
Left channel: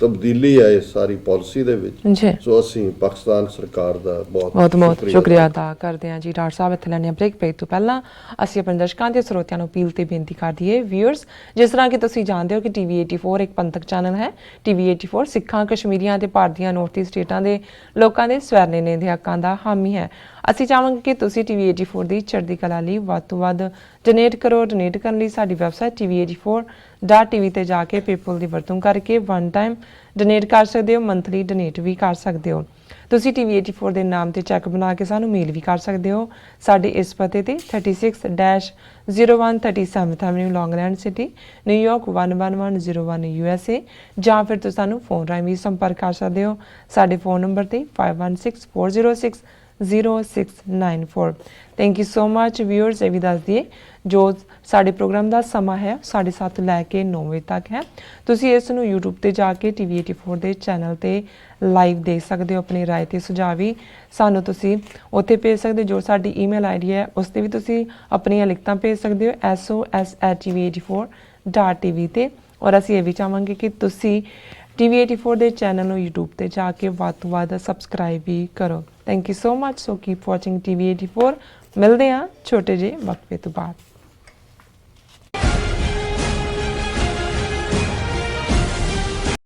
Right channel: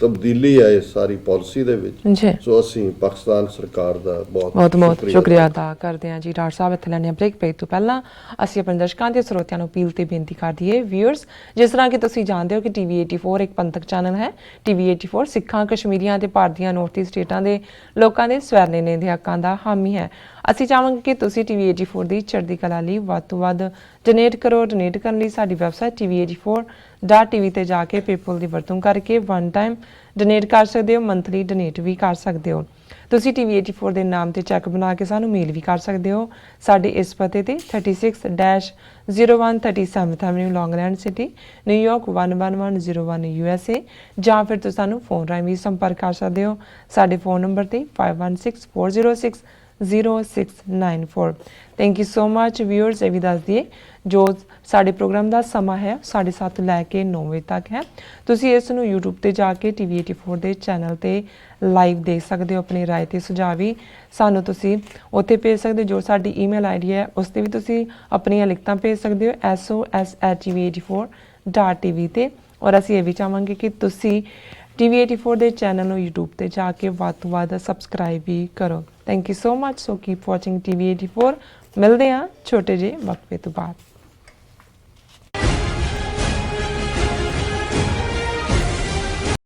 ਤਬਦੀਲੀ ਹੈ ਇਸ ਸਾਰੀ ਪਾਲਿਸੀ ਦੇ ਵਿੱਚ। ਸੋ ਅਸੀਂ ਪਾਕਿਸਤਾਨ ਸਰਕਾਰ ਦਾ ਬਹੁਤ ਸ਼ੁਕਰੀਆ ਅਦਾ ਕਰਦੇ ਹਾਂ ਜੀ। ਡਾਕਟਰ ਸਾਹਿਬ, ਇੱਥੇ ਲੈਣੇ ਬ੍ਰੇਕ ਪੇ ਤੋਂ ਪਹਿਲਾਂ ਅਸੀਂ ਆਪਣੇ ਦਰਸ਼ਕਾਂ ਤੇ ਸਰੋਤਿਆਂ ਨੂੰ ਅਪੀਲ ਤੇ ਬੇਨਤੀ ਕਰ ਦਈਏ। ਵਿਊਅਰਸ, ਜਿਸ ਤਰ੍ਹਾਂ ਕਿ ਤੁਸੀਂ ਜਾਣਦੇ ਹੋ ਕਿ TV 84 ਇੱਕ ਪੰਥਕ ਚੈਨਲ ਹੈ। TV 84 ਸਿੱਖਾਂ, ਕਸ਼ਮੀਰੀਆਂ ਤੇ ਭਾਰਤੀਆਂ ਨੌਰਥ ਈਸਟ ਸਟੇਟਾਂ ਦੇ ਲੋਕਾਂ ਦੇ ਸਵੈਰਨੇ ਦੇ ਹੱਕਾਂ ਦਾ ਹਾਮੀ ਹੈ। ਅਸੀਂ ਚਾਹਾਂਗੇ ਕਿ ਤੁਸੀਂ TV 84 ਦੀ ਚੜ੍ਹਦੀ ਕਲਾ ਲਈ ਵੱਧ ਤੋਂ ਵੱਧ ਡੋਨੇਟ ਕਰੋ। ਡੋਨੇਟ ਕਰਨ ਲਈ ਸਾਡੀ ਵੈਬਸਾਈਟ TV84.tv ਤੇ ਜਾ ਕੇ ਪੇਪਲ ਦੀ ਵਰਤੋਂ ਕਰਕੇ ਵਨ ਟਾਈਮ ਡੋਨੇਟ ਕਰ ਸਕਦੇ ਹੋ, ਮੰਥਲੀ ਡੋਨੇਟ ਵੀ ਕਰ ਸਕਦੇ ਹੋ। ਤੁਸੀਂ TV 84 ਦੇ ਨਾਮ ਤੇ ਚੈੱਕ ਬਣਾ ਕੇ ਸਾਨੂੰ ਮੇਲ ਵੀ ਕਰ ਸਕਦੇ ਹੋ। ਸਾਡੇ ਇਸ ਪਤੇ ਤੇ 36-0137 ਐਵਨਿਊ ਲੌਂਗਲੈਂਡ ਸਿਟੀ, ਨਿਊਯਾਰਕ 11101 USA, ਜਾਂ ਫਿਰ ਤੁਸੀਂ ਸਾਨੂੰ ਫੋਨ ਰਾਹੀਂ ਵੀ ਸੰਪਰਕ ਕਰ ਸਕਦੇ ਹੋ। ਸਾਡੇ ਫੋਨ ਨੰਬਰ ਤੇ 5164060694। Thank you so much viewers. ਇਹ ਵੀ ਦੱਸ ਦਈਏ ਜੋ ਸਾਡੇ ਪ੍ਰੋਗਰਾਮ ਦਾ ਸਮਾਂ ਹੈ 7:30 ਤੋਂ ਲੈ ਕੇ 9 ਵਜੇ ਤੱਕ ਹੈ। ਤੁਸੀਂ ਇਸ ਨੂੰ YouTube ਤੇ ਜਾ ਕੇ TV 84 ਦੇ ਚੈਨਲ ਤੇ ਲਾਈਵ ਦੇਖ ਸਕਦੇ ਹੋ। ਆਪਣੀ ਰਾਏ ਤੇ ਸੁਝਾਅ ਵੀ ਸਾਨੂੰ ਤੁਸੀਂ ਉੱਥੇ ਭੇਜ ਸਕਦੇ ਹੋ। ਜੋ ਸਾਡੀ ਈਮੇਲ ਆਈਡੀ ਹੈ ਉਸ ਤੇ ਵੀ ਤੁਸੀਂ ਆਪਣੀਆਂ ਲਿਖਤਾਂ ਭੇਜ ਸਕਦੇ ਹੋ sos@tv84.tv ਤੇ। ਔਰ ਅਸੀਂ ਇਹ ਵੀ ਚਾਹਾਂਗੇ ਕਿ ਤੁਸੀਂ TV 84 ਦੇ ਚੈਨਲ ਨੂੰ YouTube ਤੇ ਜਾ ਕੇ ਵੱਧ ਤੋਂ ਵੱਧ ਸਬਸਕ੍ਰਾਈਬ ਵੀ ਕਰੋ। Thank you so much. So keep watching TV 84। ਮਿਲਦੇ ਹਾਂ ਛੋਟੇ ਜਿਹੇ ਵਕਫੇ ਤੋਂ ਬਾਅਦ।